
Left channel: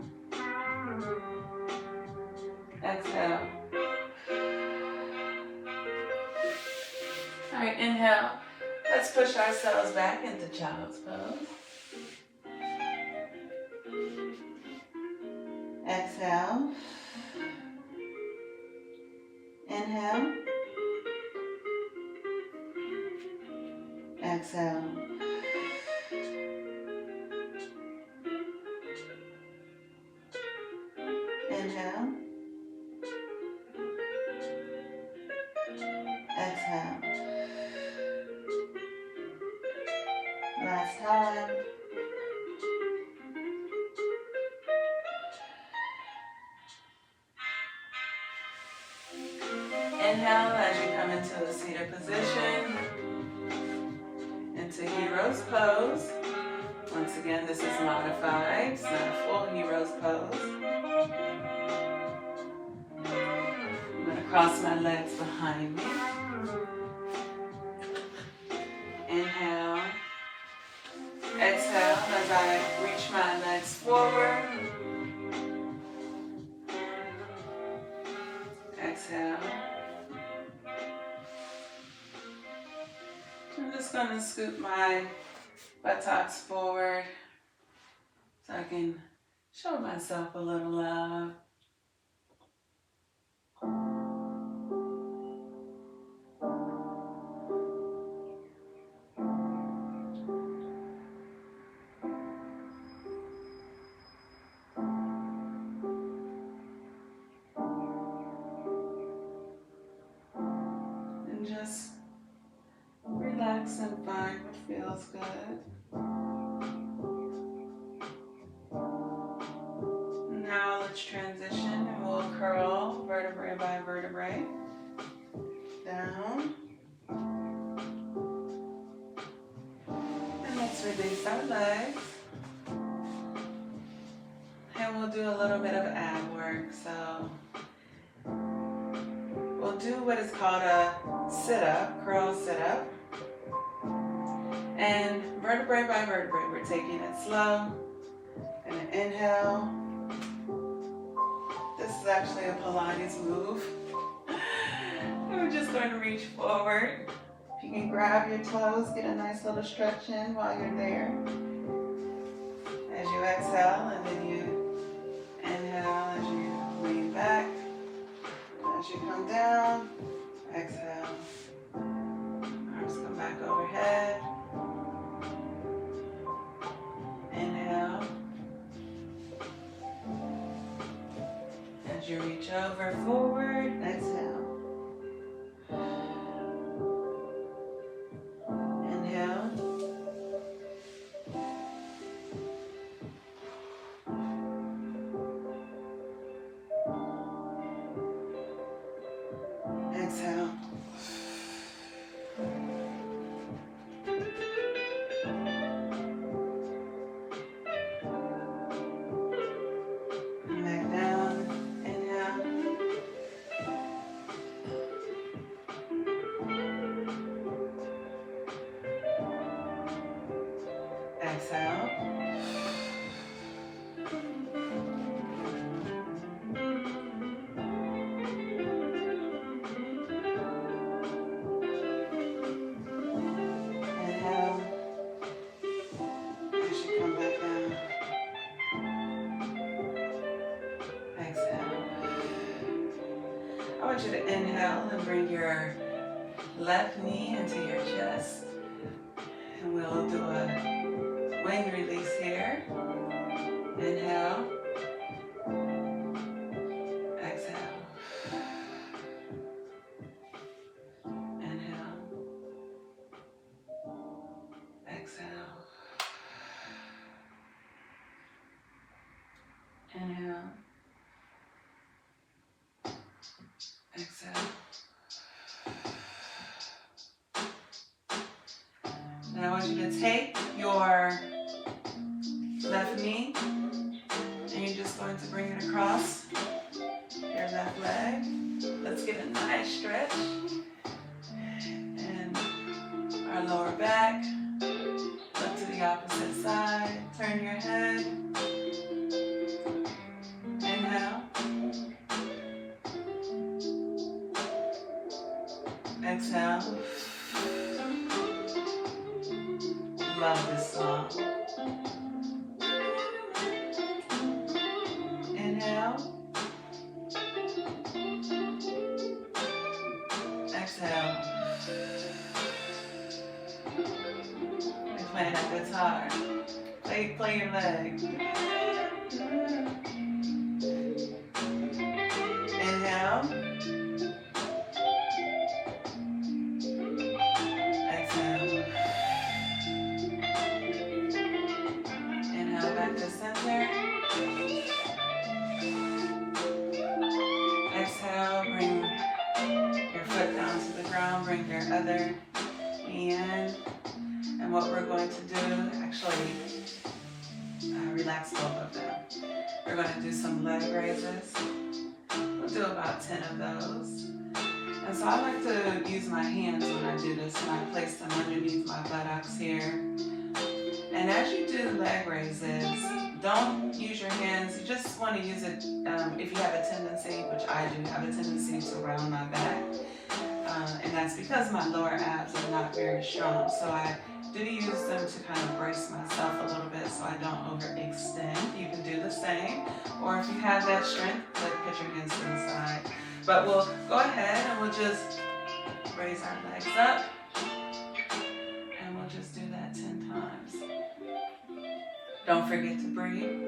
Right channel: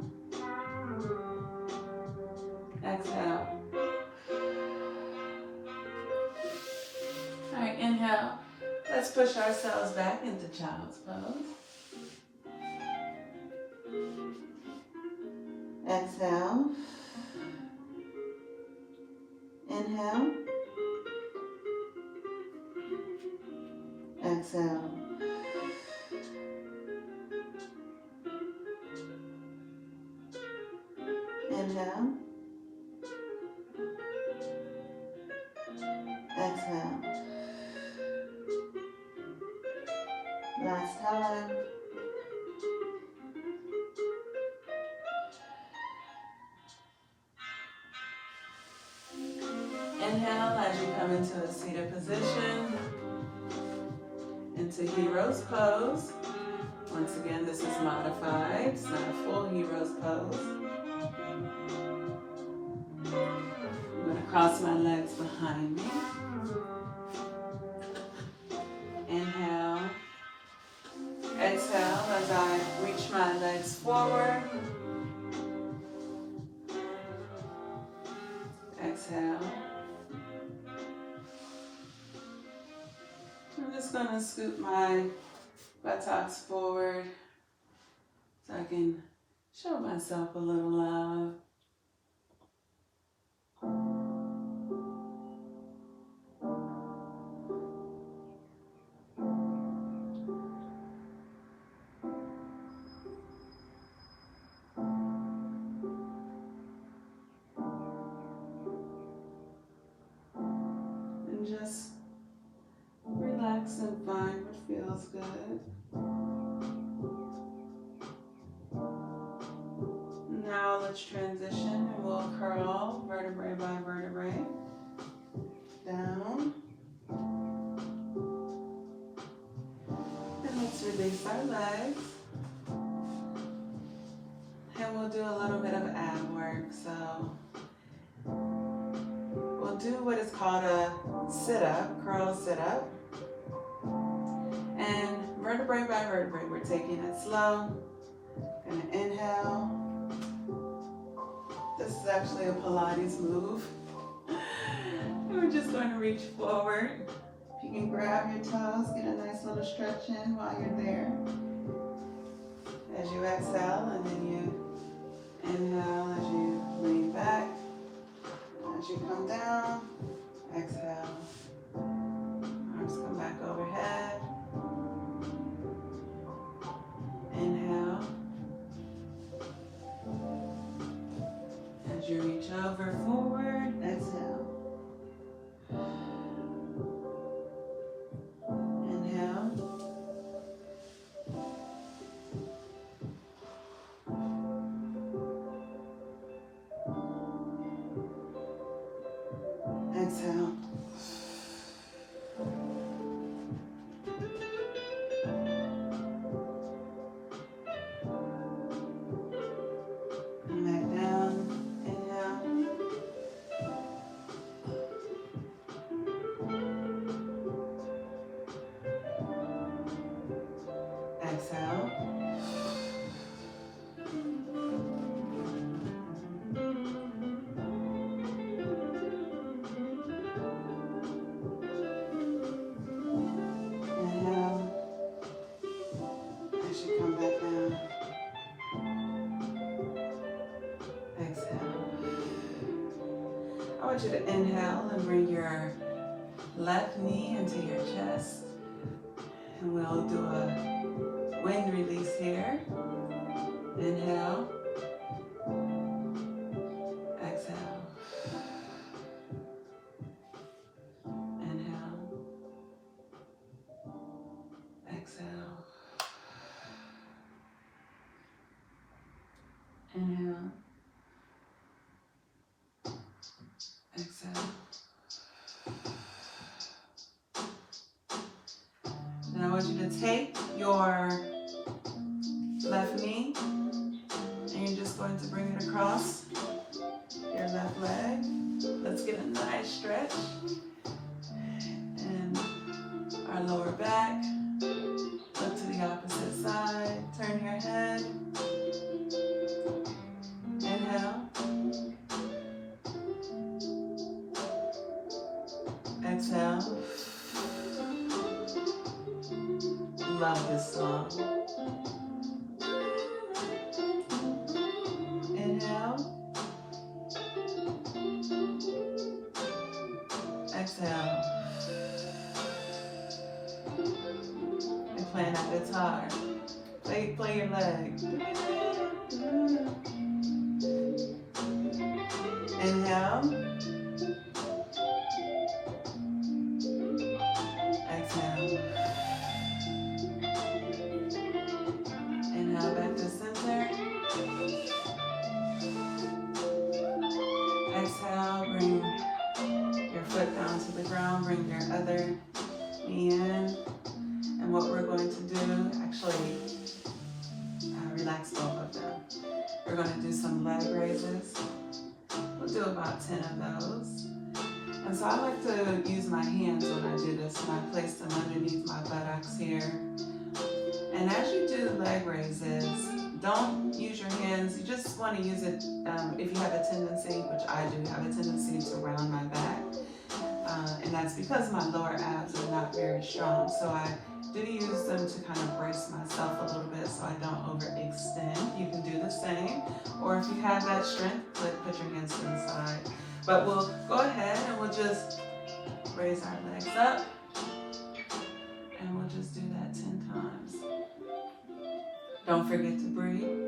Exhale. All right, inhale. Let's push ourselves back into child's pose. Exhale. Inhale. Exhale. Inhale. Exhale. Last time. Inhale as you come into a seated position, into hero's pose. Once again, this is modified. It's not a full hero's pose. I'm going to cross my legs behind me. Inhale. Exhale as I reach my legs forward. Exhale. I'm just going to scoop my buttocks forward so I can show myself a little love. And just relax and find what feels good. Now let's transition and we'll curl vertebrae by vertebrae. Down. And let's release our legs. And we'll do a little bit of ab work. So we'll do what is called a sit-up, curl sit-up. And vertebrae by vertebrae, we're taking it slow. And an inhale. This is actually a Pilates move. We're just going to reach forward. If you can grab your toes, get a nice little stretch in while you're there. As you exhale, and then you inhale as you lean back. As you come down, exhale. Arms come back overhead. Inhale. As you reach over forward, exhale. Inhale. Exhale. And back down. Inhale. want you to inhale and bring your left knee into your chest. And we'll do a wing release here. Inhale. Exhale. Inhale. Exhale. Inhale. Exhale. Now I want you to take your left knee and you're just going to bring it across your left leg. Let's get a nice stretch. And our lower back. Look to the opposite side. Turn your head. Inhale. Exhale. Love this song. Inhale. Exhale. You're playing a guitar. Play your leg. Inhale. Exhale. Inhale back to center. Exhale, bring your foot down to the ground, bring your other knee in. And what we're going to do, actually, relax both of them. We're going to do some leg raises. We'll do about 10 of those. And so I like to use my hands when I do this, and I place them underneath my buttocks here. And as you do leg raises, don't use your hands. You just want to use it if you have a tendency, which I do have a tendency to round my back. And that's because my lower abs are not very strong. So I do use them to kind of brace myself a little bit so I don't overextend. You can do the same. Or if you have that strength, put your hands to the side. But we'll go ahead and we'll just raise our legs up. And we'll just do that 10 times. Don't forget to breathe.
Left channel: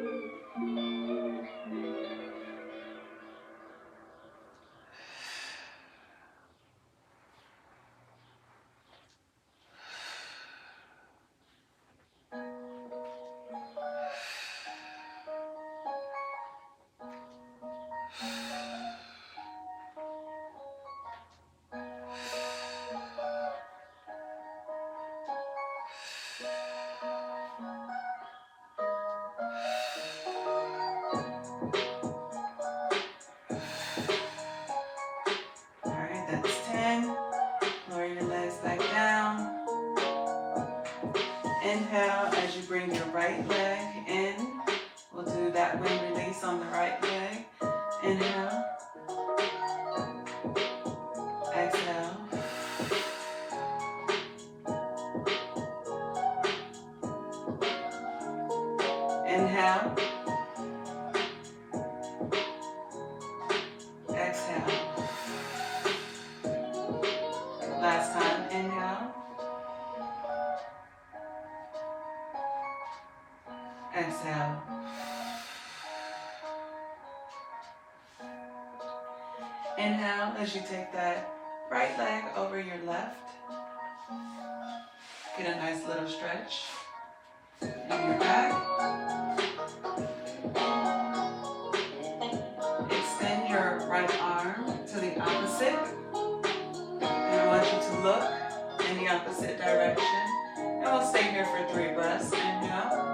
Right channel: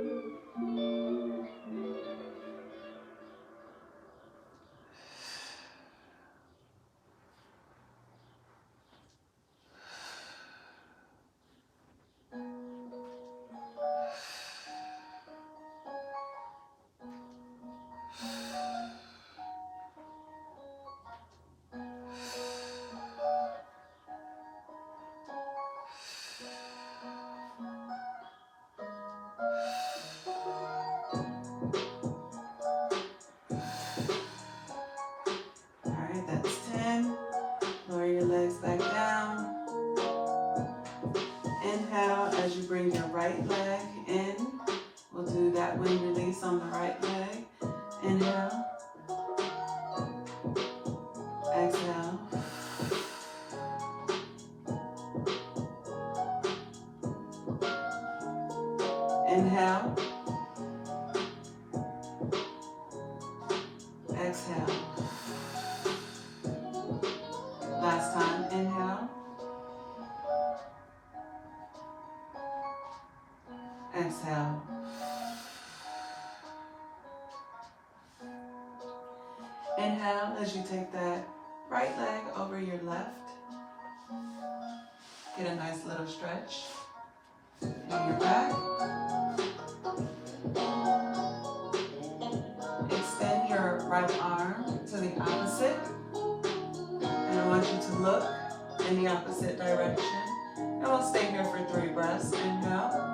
Inhale as you bring your right leg in. We'll do that wing release on the right leg. Inhale. Exhale. Inhale. Exhale. Last time. Inhale. Exhale. Inhale as you take that right leg over your left. Get a nice little stretch in your back. Extend your right arm to the opposite. And I want you to look in the opposite direction. And we'll stay here for 3 breaths. Inhale.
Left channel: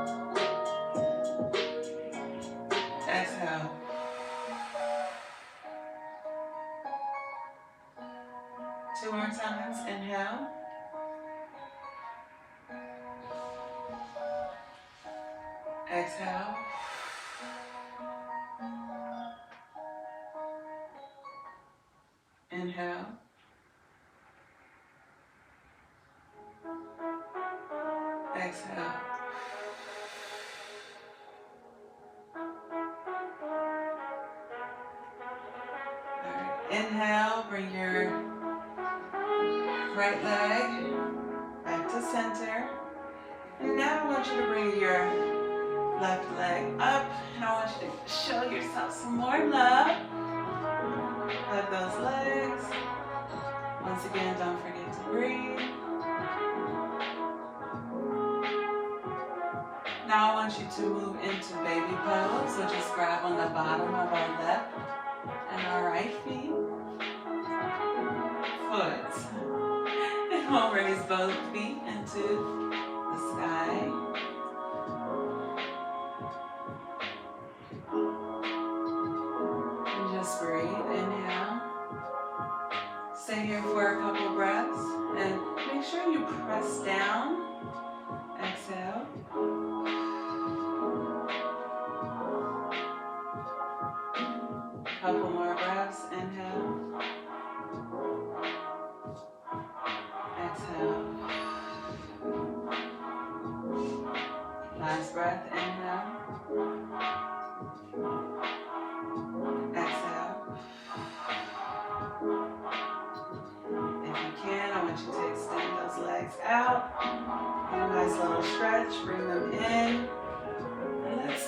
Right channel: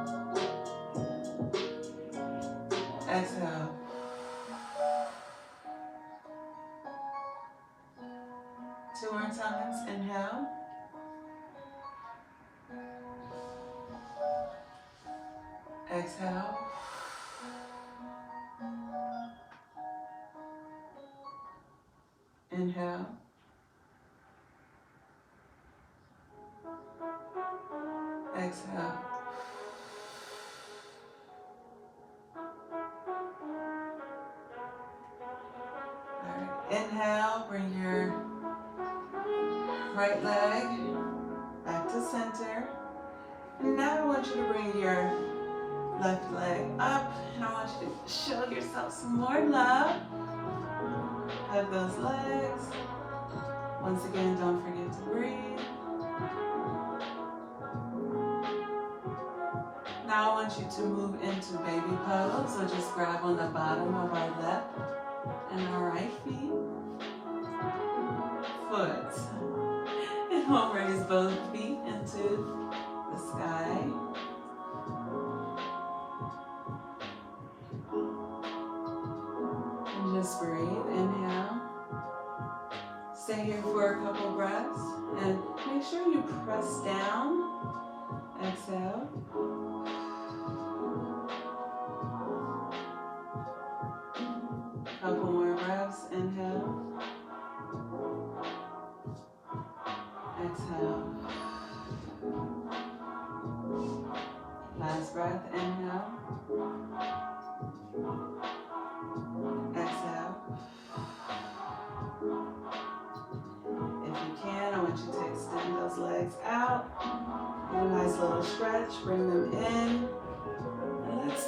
Exhale. Two more times. Inhale. Exhale. Inhale. Exhale. All right. Inhale, bring your right leg back to center. And now I want you to bring your left leg up. And I want you to show yourself some more love. Hug those legs. Once again, don't forget to breathe. Now I want you to move into baby pose. So just grab on the bottom of our left and our right feet. Foot. And we'll raise both feet into the sky. And just breathe. Inhale. Stay here for a couple breaths. And make sure you press down. Exhale. Couple more breaths. Inhale. Exhale. Last breath. Inhale. Exhale. If you can, I want you to extend those legs out. A nice little stretch. Bring them in. And let's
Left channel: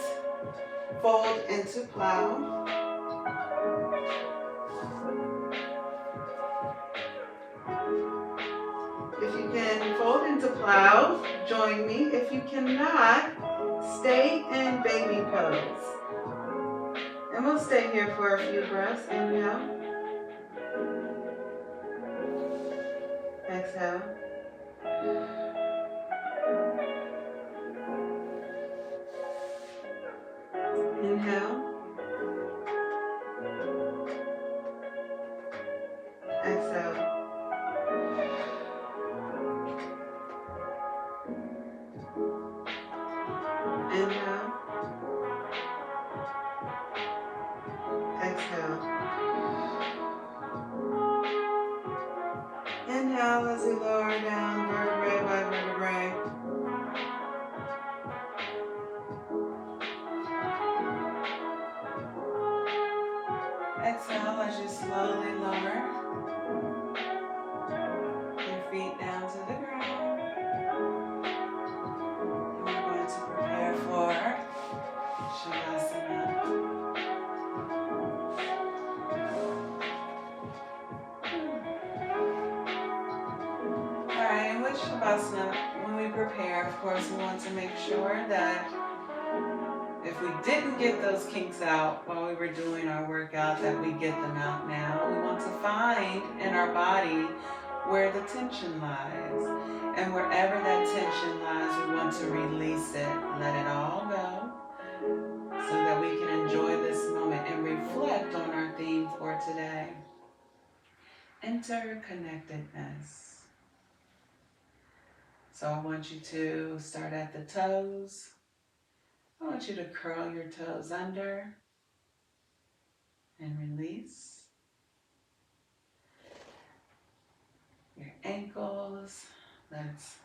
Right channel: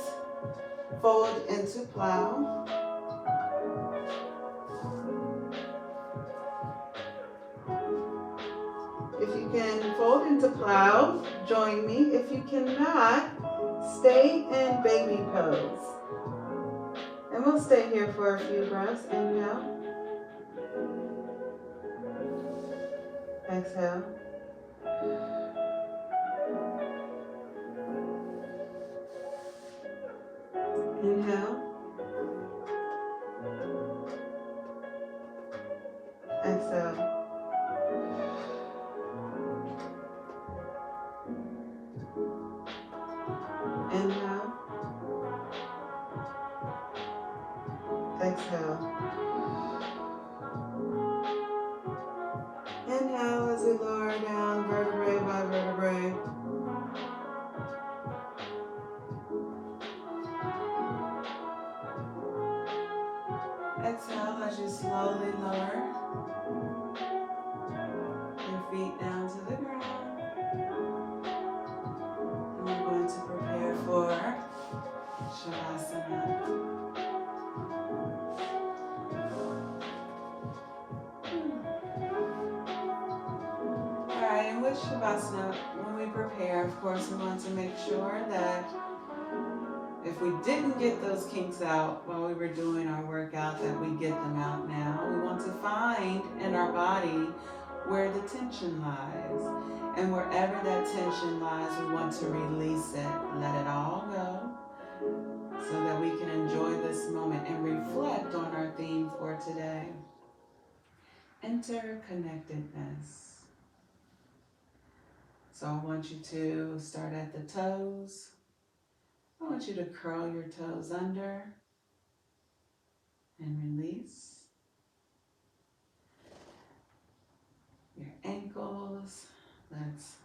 fold into plow. If you can fold into plow, join me. If you cannot, stay in baby pose. And we'll stay here for a few breaths. Inhale. Exhale. Inhale. Exhale. Inhale. Exhale. Inhale as we lower down vertebrae by vertebrae. Exhale as you slowly lower your feet down to the ground. And we're going to prepare for Shavasana. Alright, and with Shavasana, when we prepare, of course, we want to make sure that if we didn't get those kinks out while we were doing our workout, that we get them out now. We want to find in our body where the tension lies. And wherever that tension lies, we want to release it, let it all go, so that we can enjoy this moment and reflect on our theme for today. Interconnectedness. So I want you to start at the toes. I want you to curl your toes under and release. Your ankles. Let's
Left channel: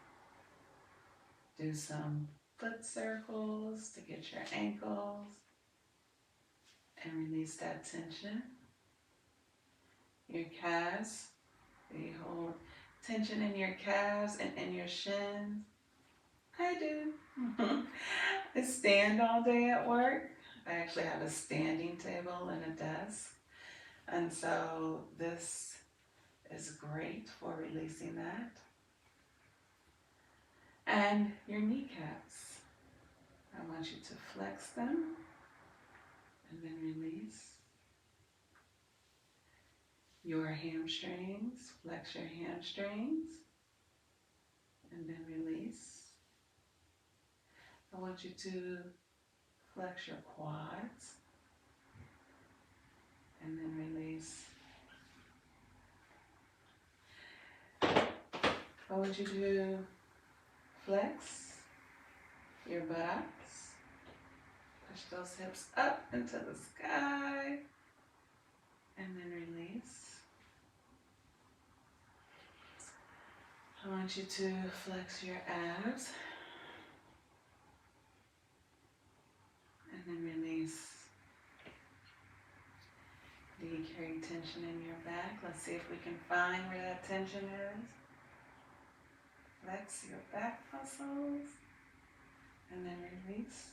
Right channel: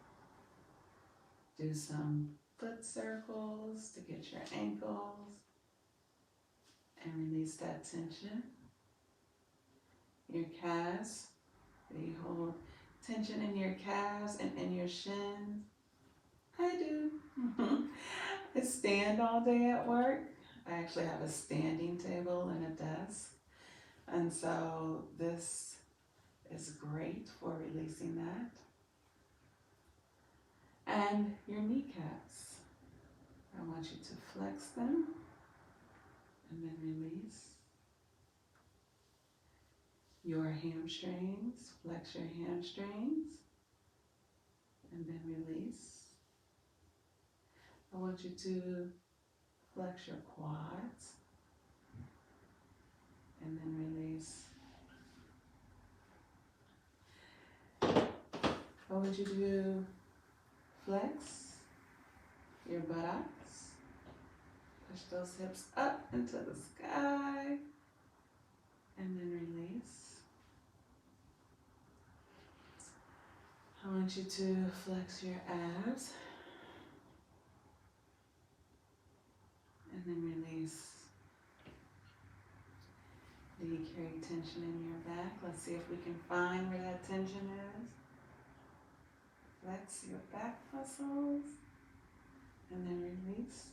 do some foot circles to get your ankles and release that tension. Your calves. You hold tension in your calves and in your shins. I do. I stand all day at work. I actually have a standing table and a desk. And so this is great for releasing that. And your kneecaps. I want you to flex them and then release. Your hamstrings. Flex your hamstrings and then release. I want you to flex your quads and then release. I want you to flex your buttocks. Push those hips up into the sky and then release. I want you to flex your abs and then release the Maybe carry tension in your back. Let's see if we can find where that tension is. Flex your back muscles and then release.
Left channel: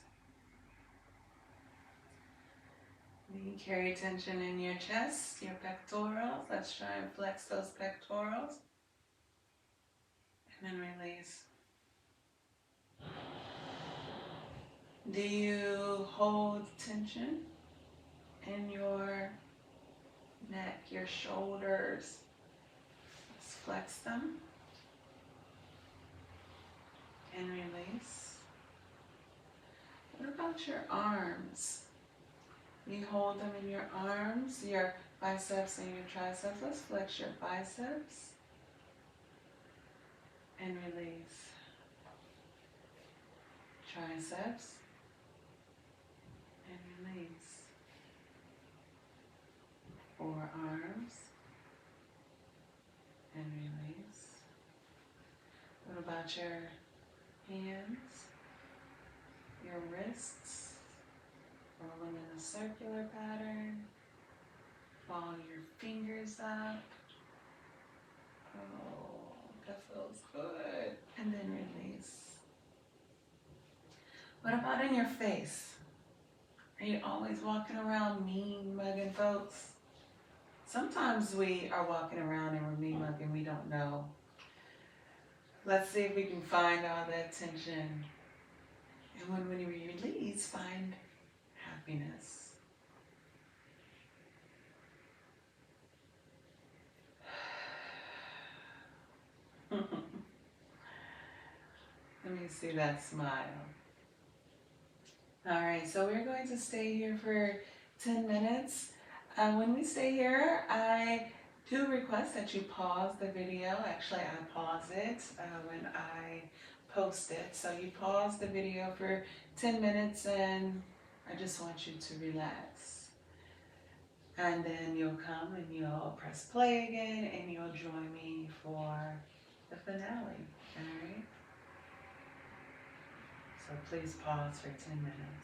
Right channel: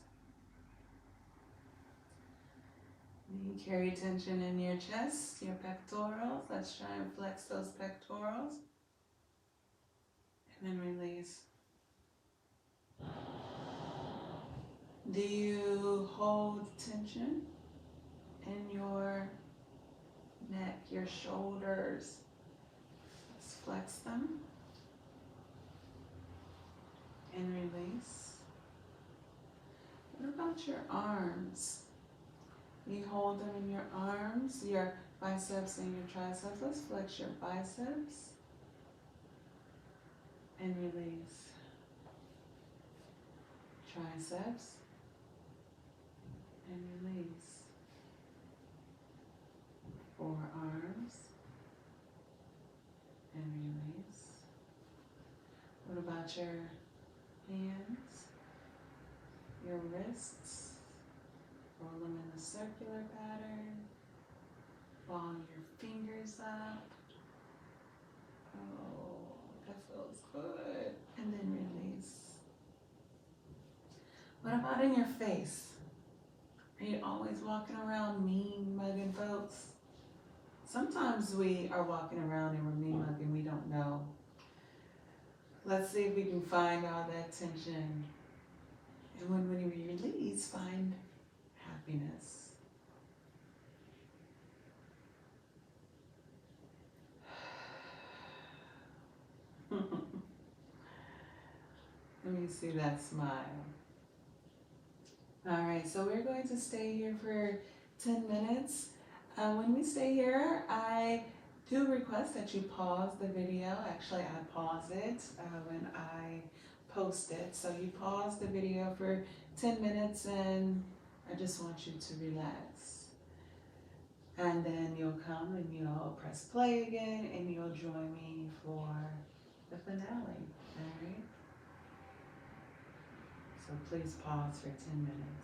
Maybe carry tension in your chest, your pectorals. Let's try and flex those pectorals. And then release. Do you hold tension in your neck, your shoulders? Let's flex them and release. What about your arms? You hold them in your arms, your biceps and your triceps. Let's flex your biceps and release. Triceps and release. Forearms and release. What about your hands, your wrists? Roll them in a circular pattern. Ball your fingers up. Oh, that feels good. And then release. What about in your face? Are you always walking around mean mugging folks? Sometimes we are walking around and we're mean mugging, we don't know. Let's see if we can find all that tension. And when we release, find happiness. Let me see that smile. All right, so we're going to stay here for 10 minutes. When we stay here, I do request that you pause the video. Actually, I pause it when I post it. So you pause the video for 10 minutes and I just want you to relax. And then you'll come and you'll press play again and you'll join me for the finale, all right? So please pause for 10 minutes.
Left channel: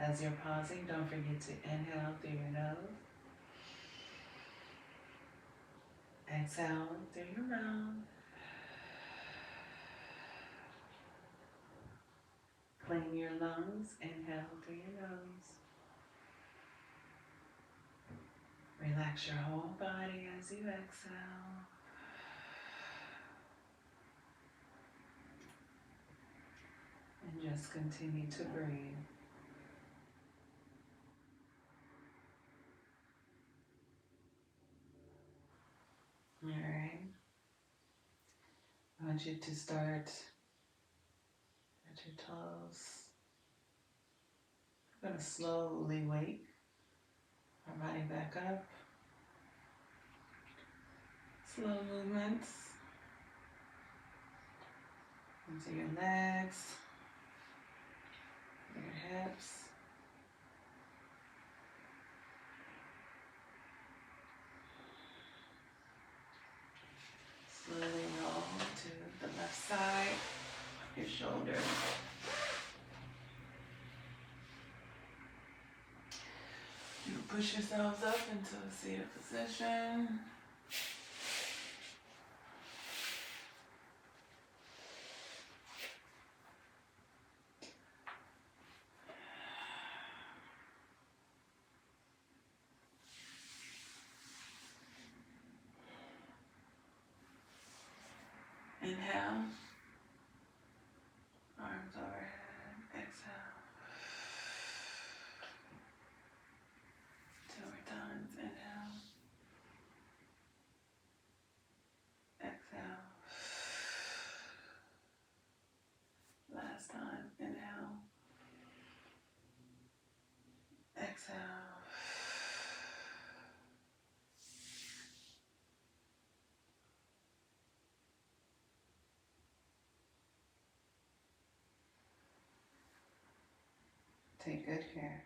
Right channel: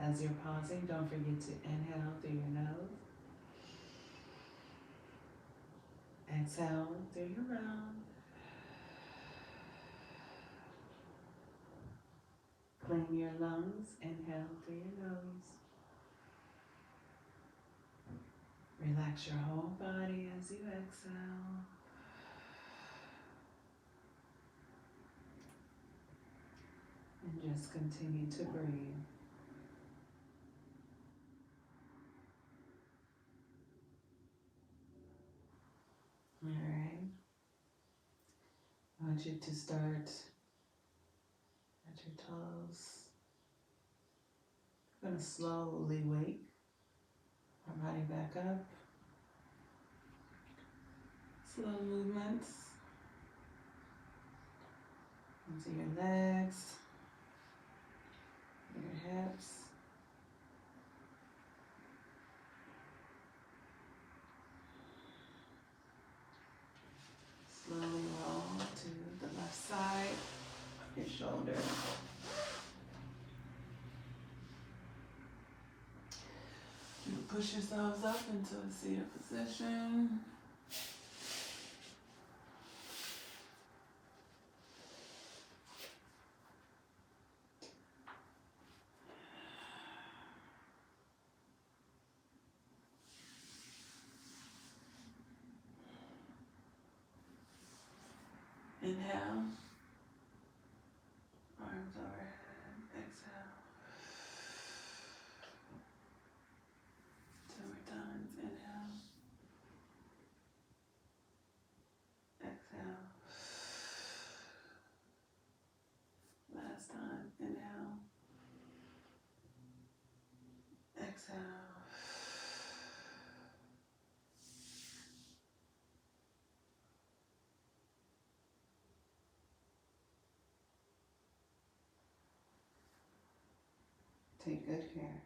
As you're pausing, don't forget to inhale through your nose. Exhale through your mouth. Clean your lungs. Inhale through your nose. Relax your whole body as you exhale. And just continue to breathe. All right. I want you to start at your toes. I'm going to slowly wake our body back up. Slow movements into your legs, your hips. Slowly roll to the left side of your shoulder. You push yourselves up into a seated position. Inhale, arms overhead, exhale. 2 more times, inhale, exhale. Last time, inhale, exhale. Take good care.